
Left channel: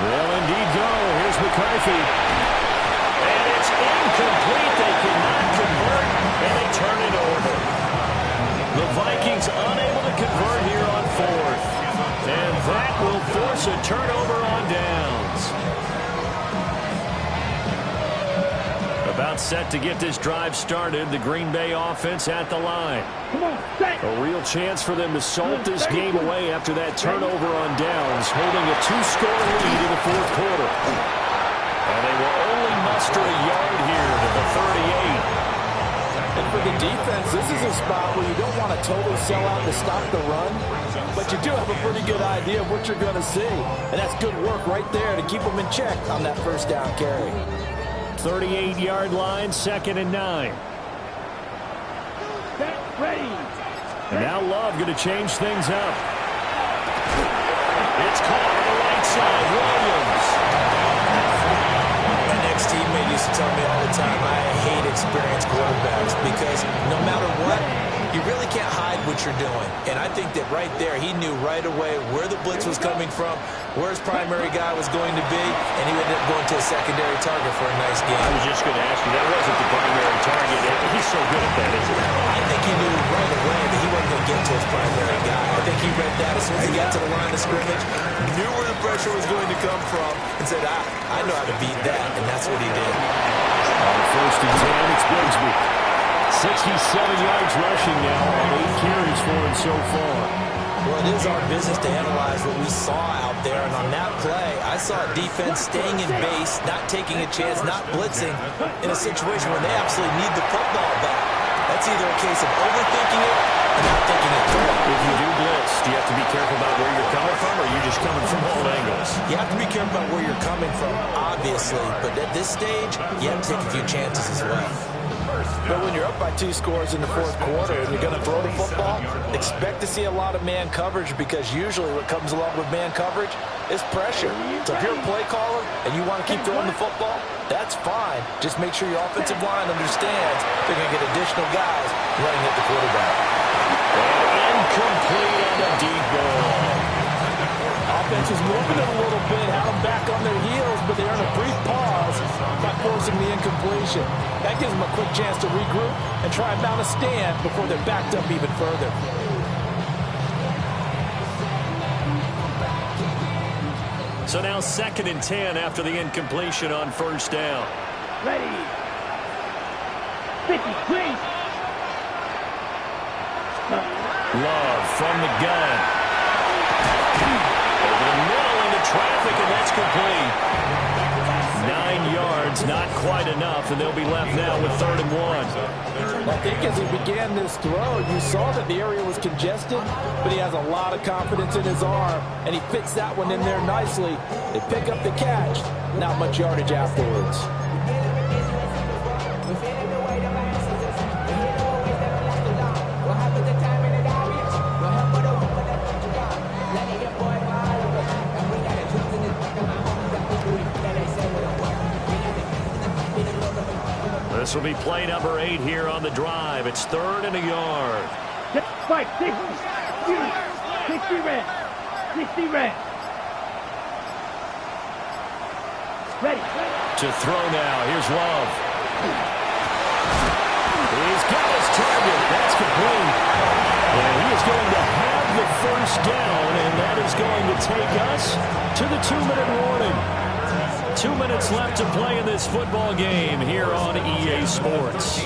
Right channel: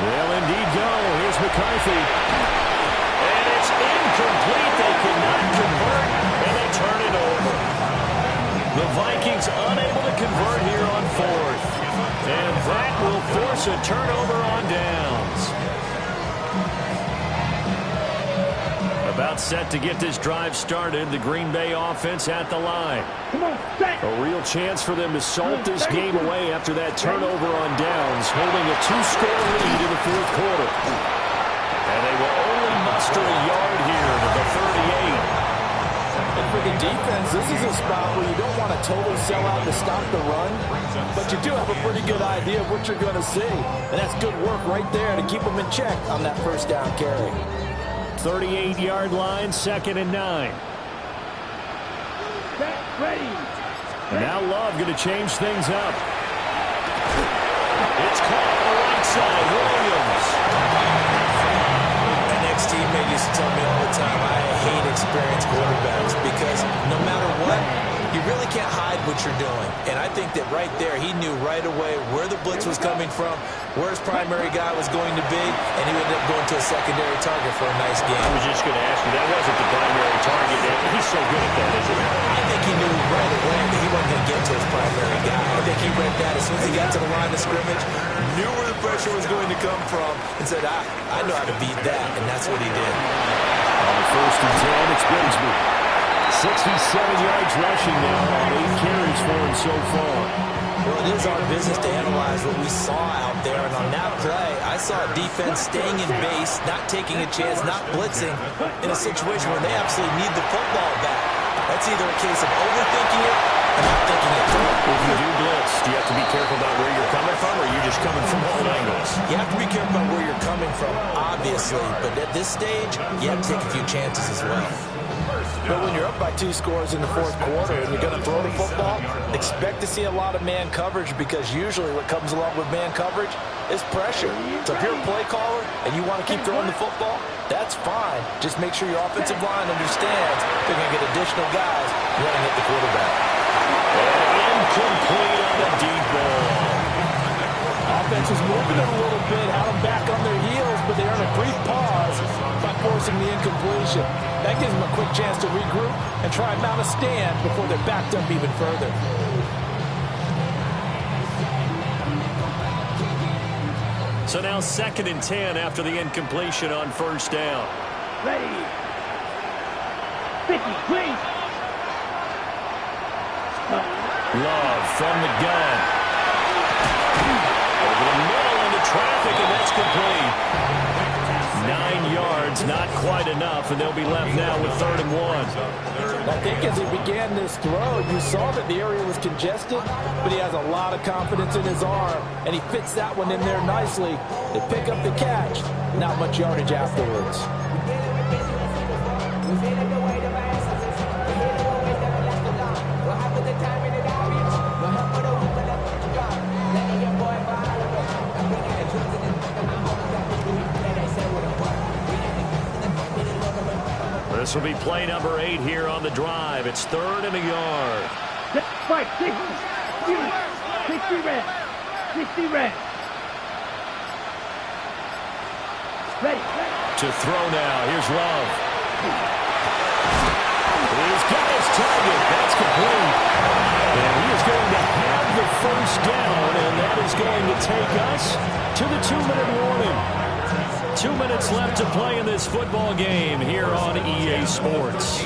They'll indeed go. Here's McCarthy. And it's incomplete. They cannot convert, and they turn it over. The Vikings unable to convert here on 4th. And that will force a turnover on downs. About set to get this drive started. The Green Bay offense at the line. Come on, set. A real chance for them to salt this game away after that turnover on downs, holding a 2-score lead in the 4th quarter. And they will only muster a yard here to the 38. And for the defense, this is a spot where you don't want to totally sell out to stop the run, but you do have a pretty good idea of what you're going to see. And that's good work right there to keep them in check on that 1st down carry. 38-yard line, 2nd and 9. Set, ready. And now Love going to change things up. It's caught on the right side. Williams. My ex-teammate used to tell me all the time, I hate experienced quarterbacks because no matter what, you really can't hide what you're doing. And I think that right there, he knew right away where the blitz was coming from, where his primary guy was going to be, and he ended up going to a secondary target for a nice game. I was just going to ask you, that wasn't the primary target. He's so good at that, isn't he? I think he knew right away that he wasn't going to get to his primary guy. I think he read that as soon as he got to the line of scrimmage, knew where the pressure was going to come from, and said, I know how to beat that, and that's what he did. On 1st and 10, it's Bigsby. 67 yards rushing now on 8 carries for him so far. Well, it is our business to analyze what we saw out there, and on that play, I saw a defense staying in base, not taking a chance, not blitzing in a situation where they absolutely need the football back. That's either a case of overthinking it or not thinking it through. If you do blitz, do you have to be careful about where you're coming from, or are you just coming from all angles? You have to be careful about where you're coming from, obviously, but at this stage, you have to take a few chances as well. But when you're up by 2 scores in the 4th quarter and you're going to throw the football, expect to see a lot of man coverage, because usually what comes along with man coverage is pressure. So if you're a play caller and you want to keep throwing the football, that's fine. Just make sure your offensive line understands they're going to get additional guys running at the quarterback. And incomplete on the deep ball. Offense was moving it a little bit, had them back on their heels, but they earned a brief pause by forcing the incompletion. That gives them a quick chance to regroup and try and mount a stand before they're backed up even further. So now 2nd and 10 after the incompletion on 1st down. Ready. 50, please. Love from the gun. Over the middle into traffic, and that's complete. 9 yards, not quite enough, and they'll be left now with 3rd and 1. I think as he began this throw, you saw that the area was congested, but he has a lot of confidence in his arm, and he fits that one in there nicely. They pick up the catch, not much yardage afterwards. This will be play number 8 here on the drive. It's 3rd and a yard. 5, 60, 60 red. 60 red. Ready. To throw now. Here's Love. He's got his target. That's complete. And he is going to have the 1st down, and that is going to take us to the 2-minute warning. 2 minutes left to play in this football game here on EA Sports.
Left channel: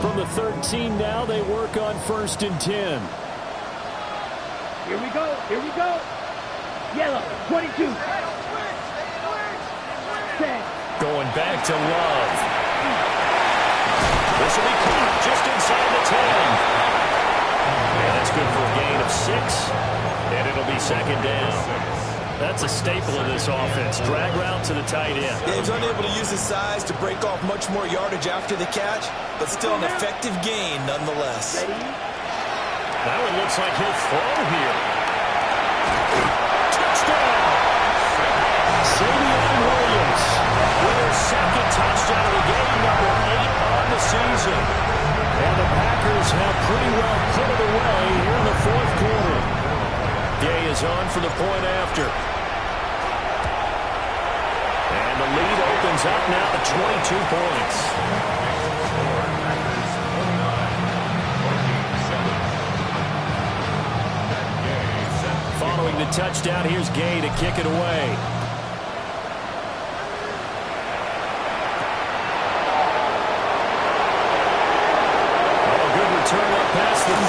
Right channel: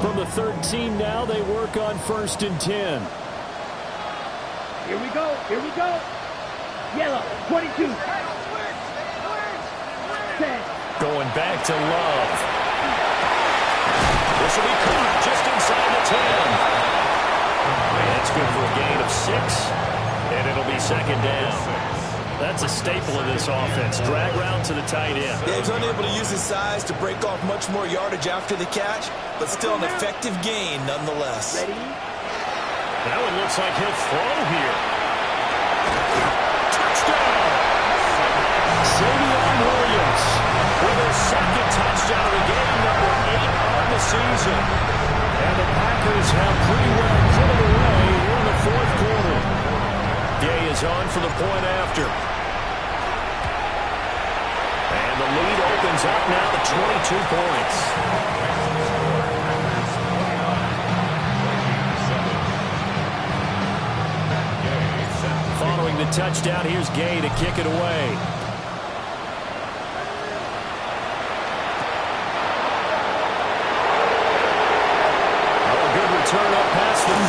From the 13 now, they work on 1st and 10. Here we go. Here we go. Yellow, 22. 10. Going back to Love. This will be caught just inside the 10. And that's good for a gain of 6, and it'll be 2nd down. That's a staple of this offense. Drag route to the tight end. Yeah, he's unable to use his size to break off much more yardage after the catch, but still an effective gain nonetheless. Ready. That one looks like he'll throw here. Touchdown! Savion Williams with her second touchdown of the game, number 8 on the season. And the Packers have pretty well put it away here in the fourth quarter. Day is on for the point after. And the lead opens up now to 22 points. Following the touchdown, here's Gay to kick it away. Turn up past the 30.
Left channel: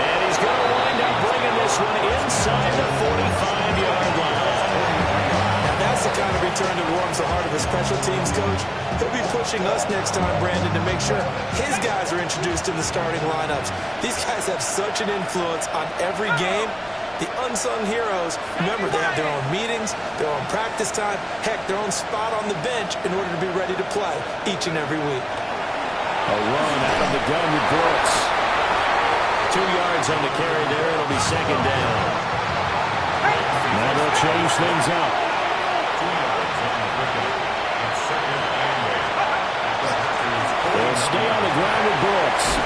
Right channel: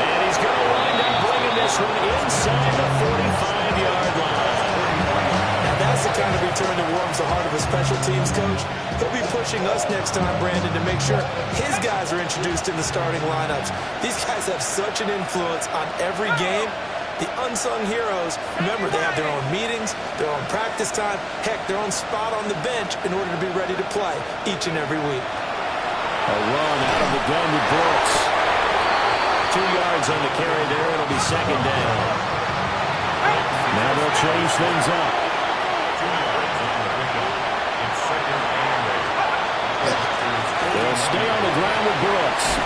And he's going to wind up bringing this one inside the 45-yard line. Now that's the kind of return that warms the heart of a special teams coach. He'll be pushing us next time, Brandon, to make sure his guys are introduced in the starting lineups. These guys have such an influence on every game. The unsung heroes, remember, they have their own meetings, their own practice time, heck, their own spot on the bench in order to be ready to play each and every week. A run out of the gun with Brooks. 2 yards on the carry there. It'll be second down. Now they'll change things up. 2 yards on the pickup. It's second and 8. They'll stay on the ground with Brooks.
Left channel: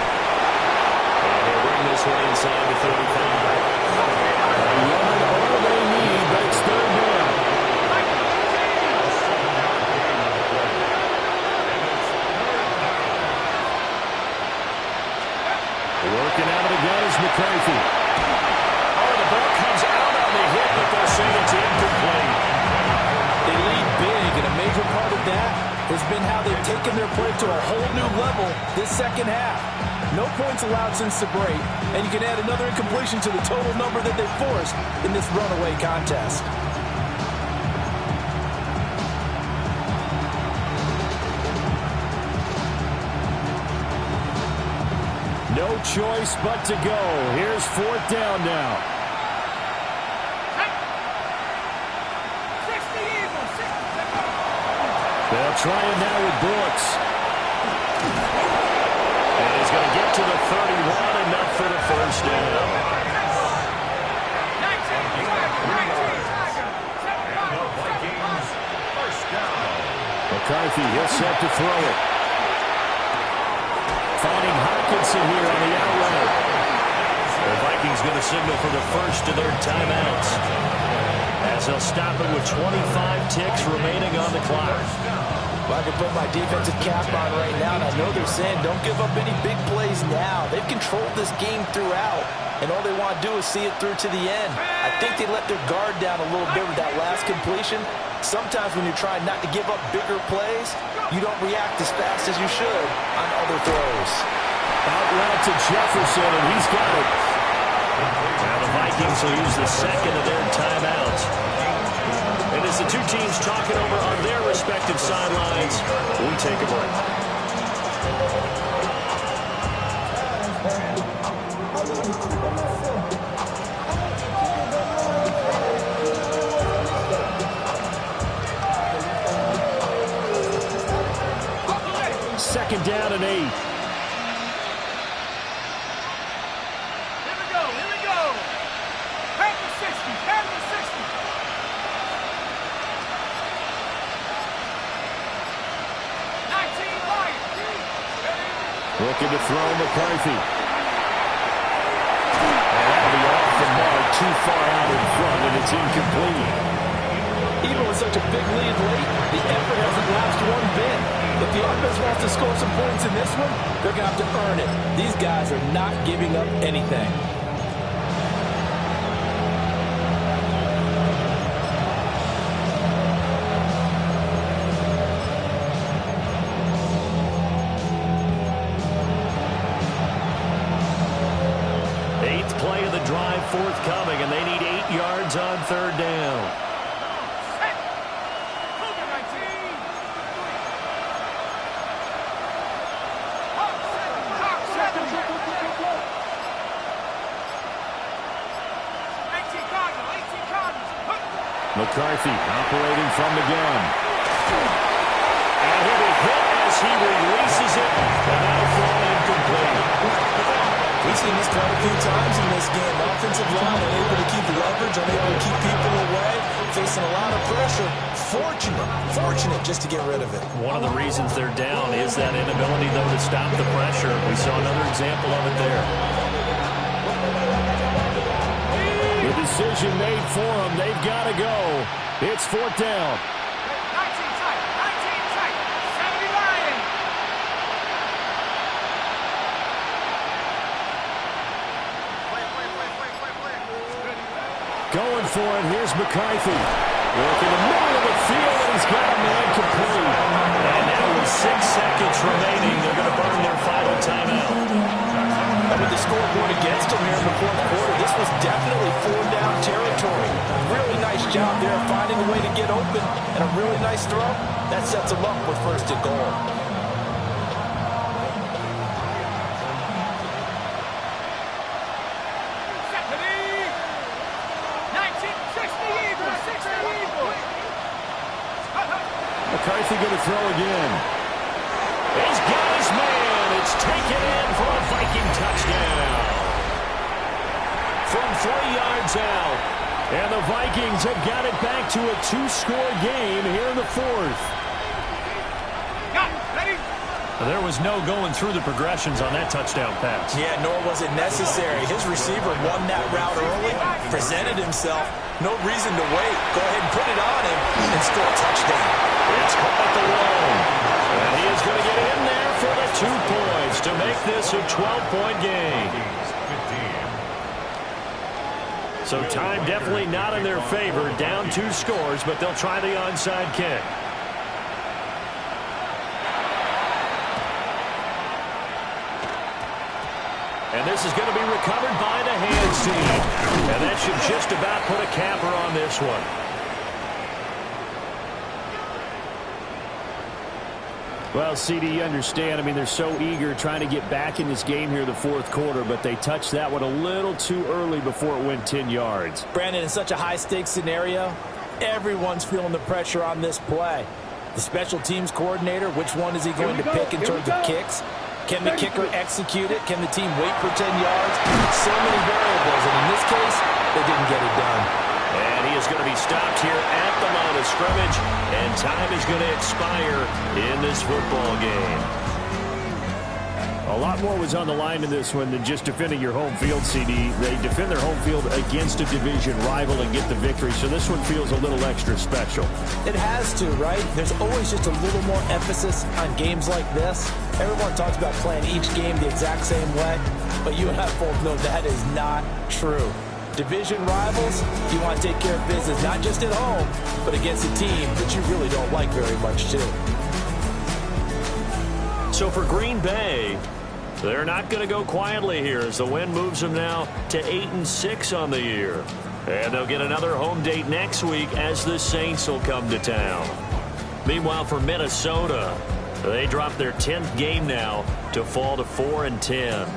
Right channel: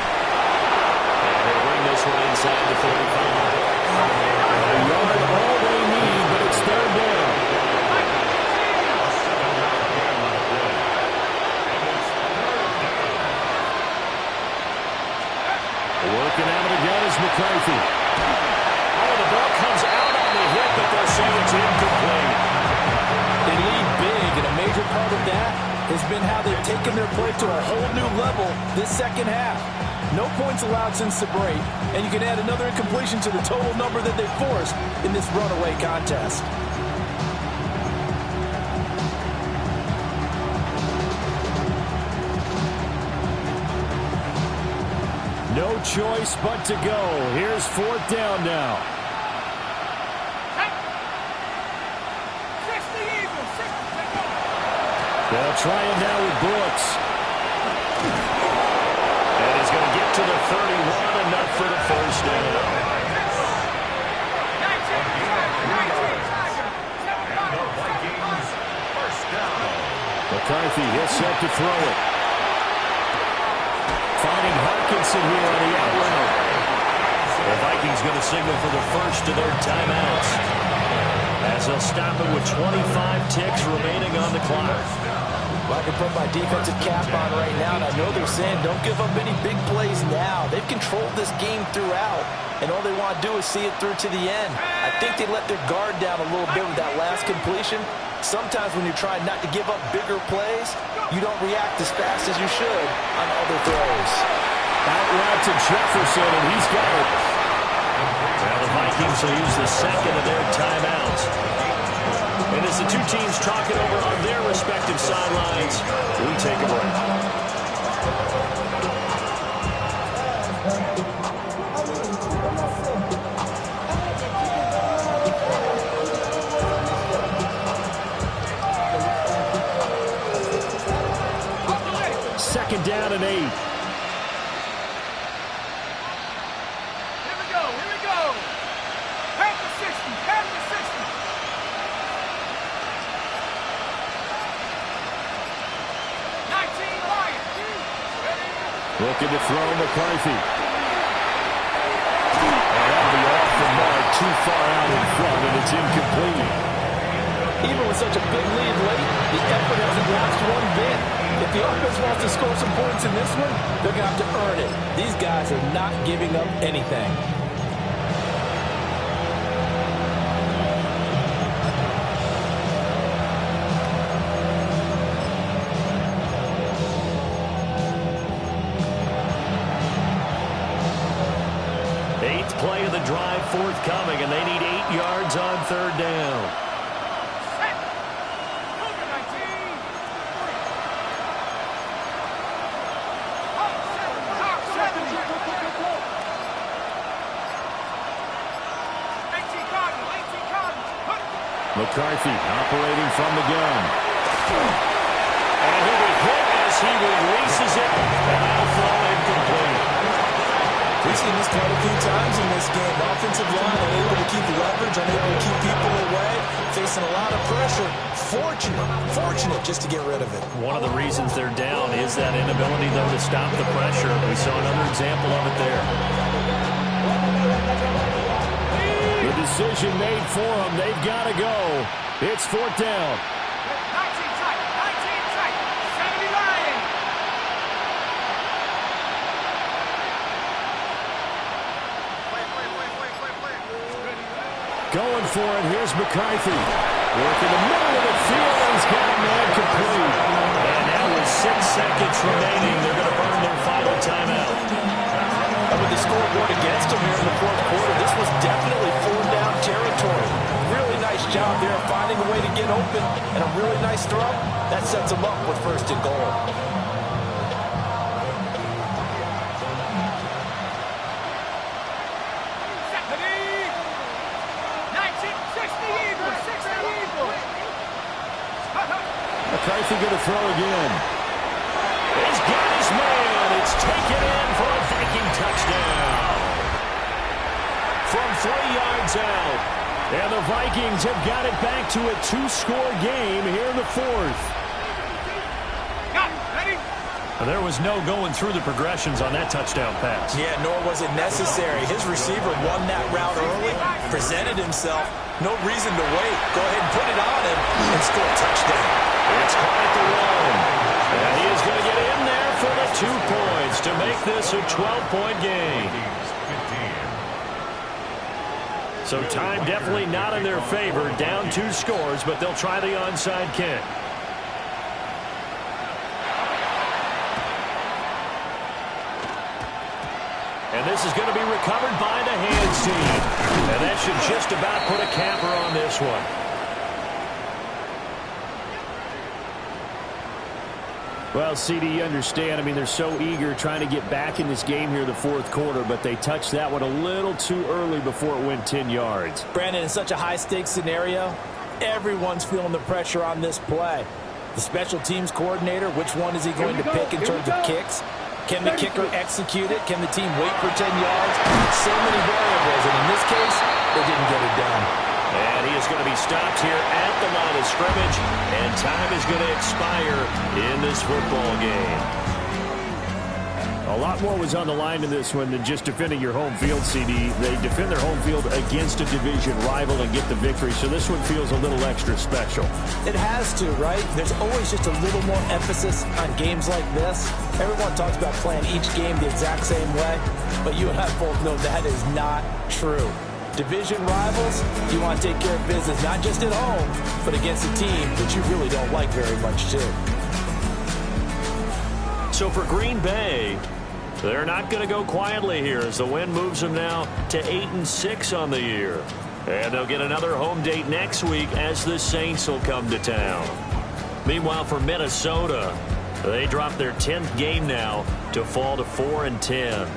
And they'll bring this one inside the 35. A yard all they need, but it's third down. Working out of the gun is McCarthy. Oh, the ball comes out on the hit, but they'll say it's incomplete. They lead big, and a major part of that has been how they've taken their play to a whole new level this second half. No points allowed since the break, and you can add another incompletion to the total number that they forced in this runaway contest. No choice but to go. Here's fourth down now. 60 Eagles, 60. They'll try it now with Brooks. And he's going to get to the 31, enough for the first down. 19 the Vikings, first down. McCarthy, he'll set to throw it. Finding Hawkinson here on the out route. The Vikings going to signal for the first of their timeouts, as they'll stop it with 25 ticks remaining on the clock. Well, I can put my defensive cap on right now, and I know they're saying don't give up any big plays now. They've controlled this game throughout, and all they want to do is see it through to the end. I think they let their guard down a little bit with that last completion. Sometimes when you're trying not to give up bigger plays, you don't react as fast as you should on other throws. Out route to Jefferson, and he's got it. Well, the Vikings will use the second of their timeouts. And as the two teams talk it over on their respective sidelines, we take a break. Second down and 8. Here we go, here we go. Half the 60, half the 60. 19 Lions. Looking to throw McCarthy. And that'll be off the mark, too far out in front, and it's incomplete. Even with such a big lead late, the effort hasn't lapsed one bit. If the offense wants to score some points in this one, they're going to have to earn it. These guys are not giving up anything. Eighth play of the drive forthcoming, and they need 8 yards on third down. McCarthy operating from the gun. And he'll be hit as he releases it, and that'll fall incomplete. We've seen this quite a few times in this game. Offensive line unable to keep leverage, unable to keep people away, facing a lot of pressure. Fortunate just to get rid of it. One of the reasons they're down is that inability, though, to stop the pressure. We saw another example of it there. The decision made for them. They've got to go. It's 4th down. 19 tight, 79. Going for it. Here's McCarthy. Work in the middle of the field, and he's got a man complete. And now with 6 seconds remaining, they're going to burn their final timeout. And with the scoreboard against them here in the 4th quarter, this was definitely 4-down territory. Really nice job there finding a way to get open, and a really nice throw. That sets them up with 1st and goal. McCarthy going to throw again. He's got his man. It's taken in for a Viking touchdown. From 3 yards out. And the Vikings have got it back to a 2-score game here in the 4th. There was no going through the progressions on that touchdown pass. Yeah, nor was it necessary. His receiver won that route early, presented himself. No reason to wait. Go ahead and put it on him and score a touchdown. It's caught at the 1. And he is going to get in there for the 2 points to make this a 12-point game. So time definitely not in their favor. Down 2 scores, but they'll try the onside kick. And this is going to be recovered by the hands team. And that should just about put a capper on this one. Well, CD, you understand. I mean, they're so eager trying to get back in this game here in the 4th quarter, but they touched that one a little too early before it went 10 yards. Brandon, in such a high-stakes scenario, everyone's feeling the pressure on this play. The special teams coordinator, which one is he going to pick in terms of kicks? Can the kicker execute it? Can the team wait for 10 yards? So many variables, and in this case, they didn't get it done. And he is going to be stopped here at the line of scrimmage, and time is going to expire in this football game. A lot more was on the line in this one than just defending your home field, CD. They defend their home field against a division rival and get the victory, so this one feels a little extra special. It has to, right? There's always just a little more emphasis on games like this. Everyone talks about playing each game the exact same way, but you and I both know that is not true. Division rivals, you want to take care of business, not just at home, but against a team that you really don't like very much, too. So for Green Bay, they're not going to go quietly here as the win moves them now to 8-6 on the year. And they'll get another home date next week as the Saints will come to town. Meanwhile, for Minnesota, they drop their 10th game now to fall to 4-10.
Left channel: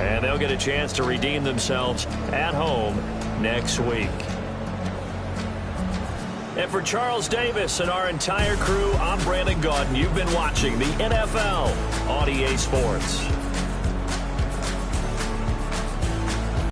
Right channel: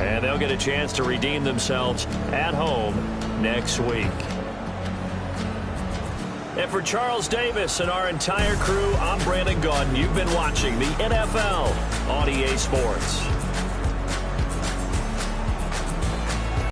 And they'll get a chance to redeem themselves at home next week. And for Charles Davis and our entire crew, I'm Brandon Gaudin. You've been watching the NFL on EA Sports.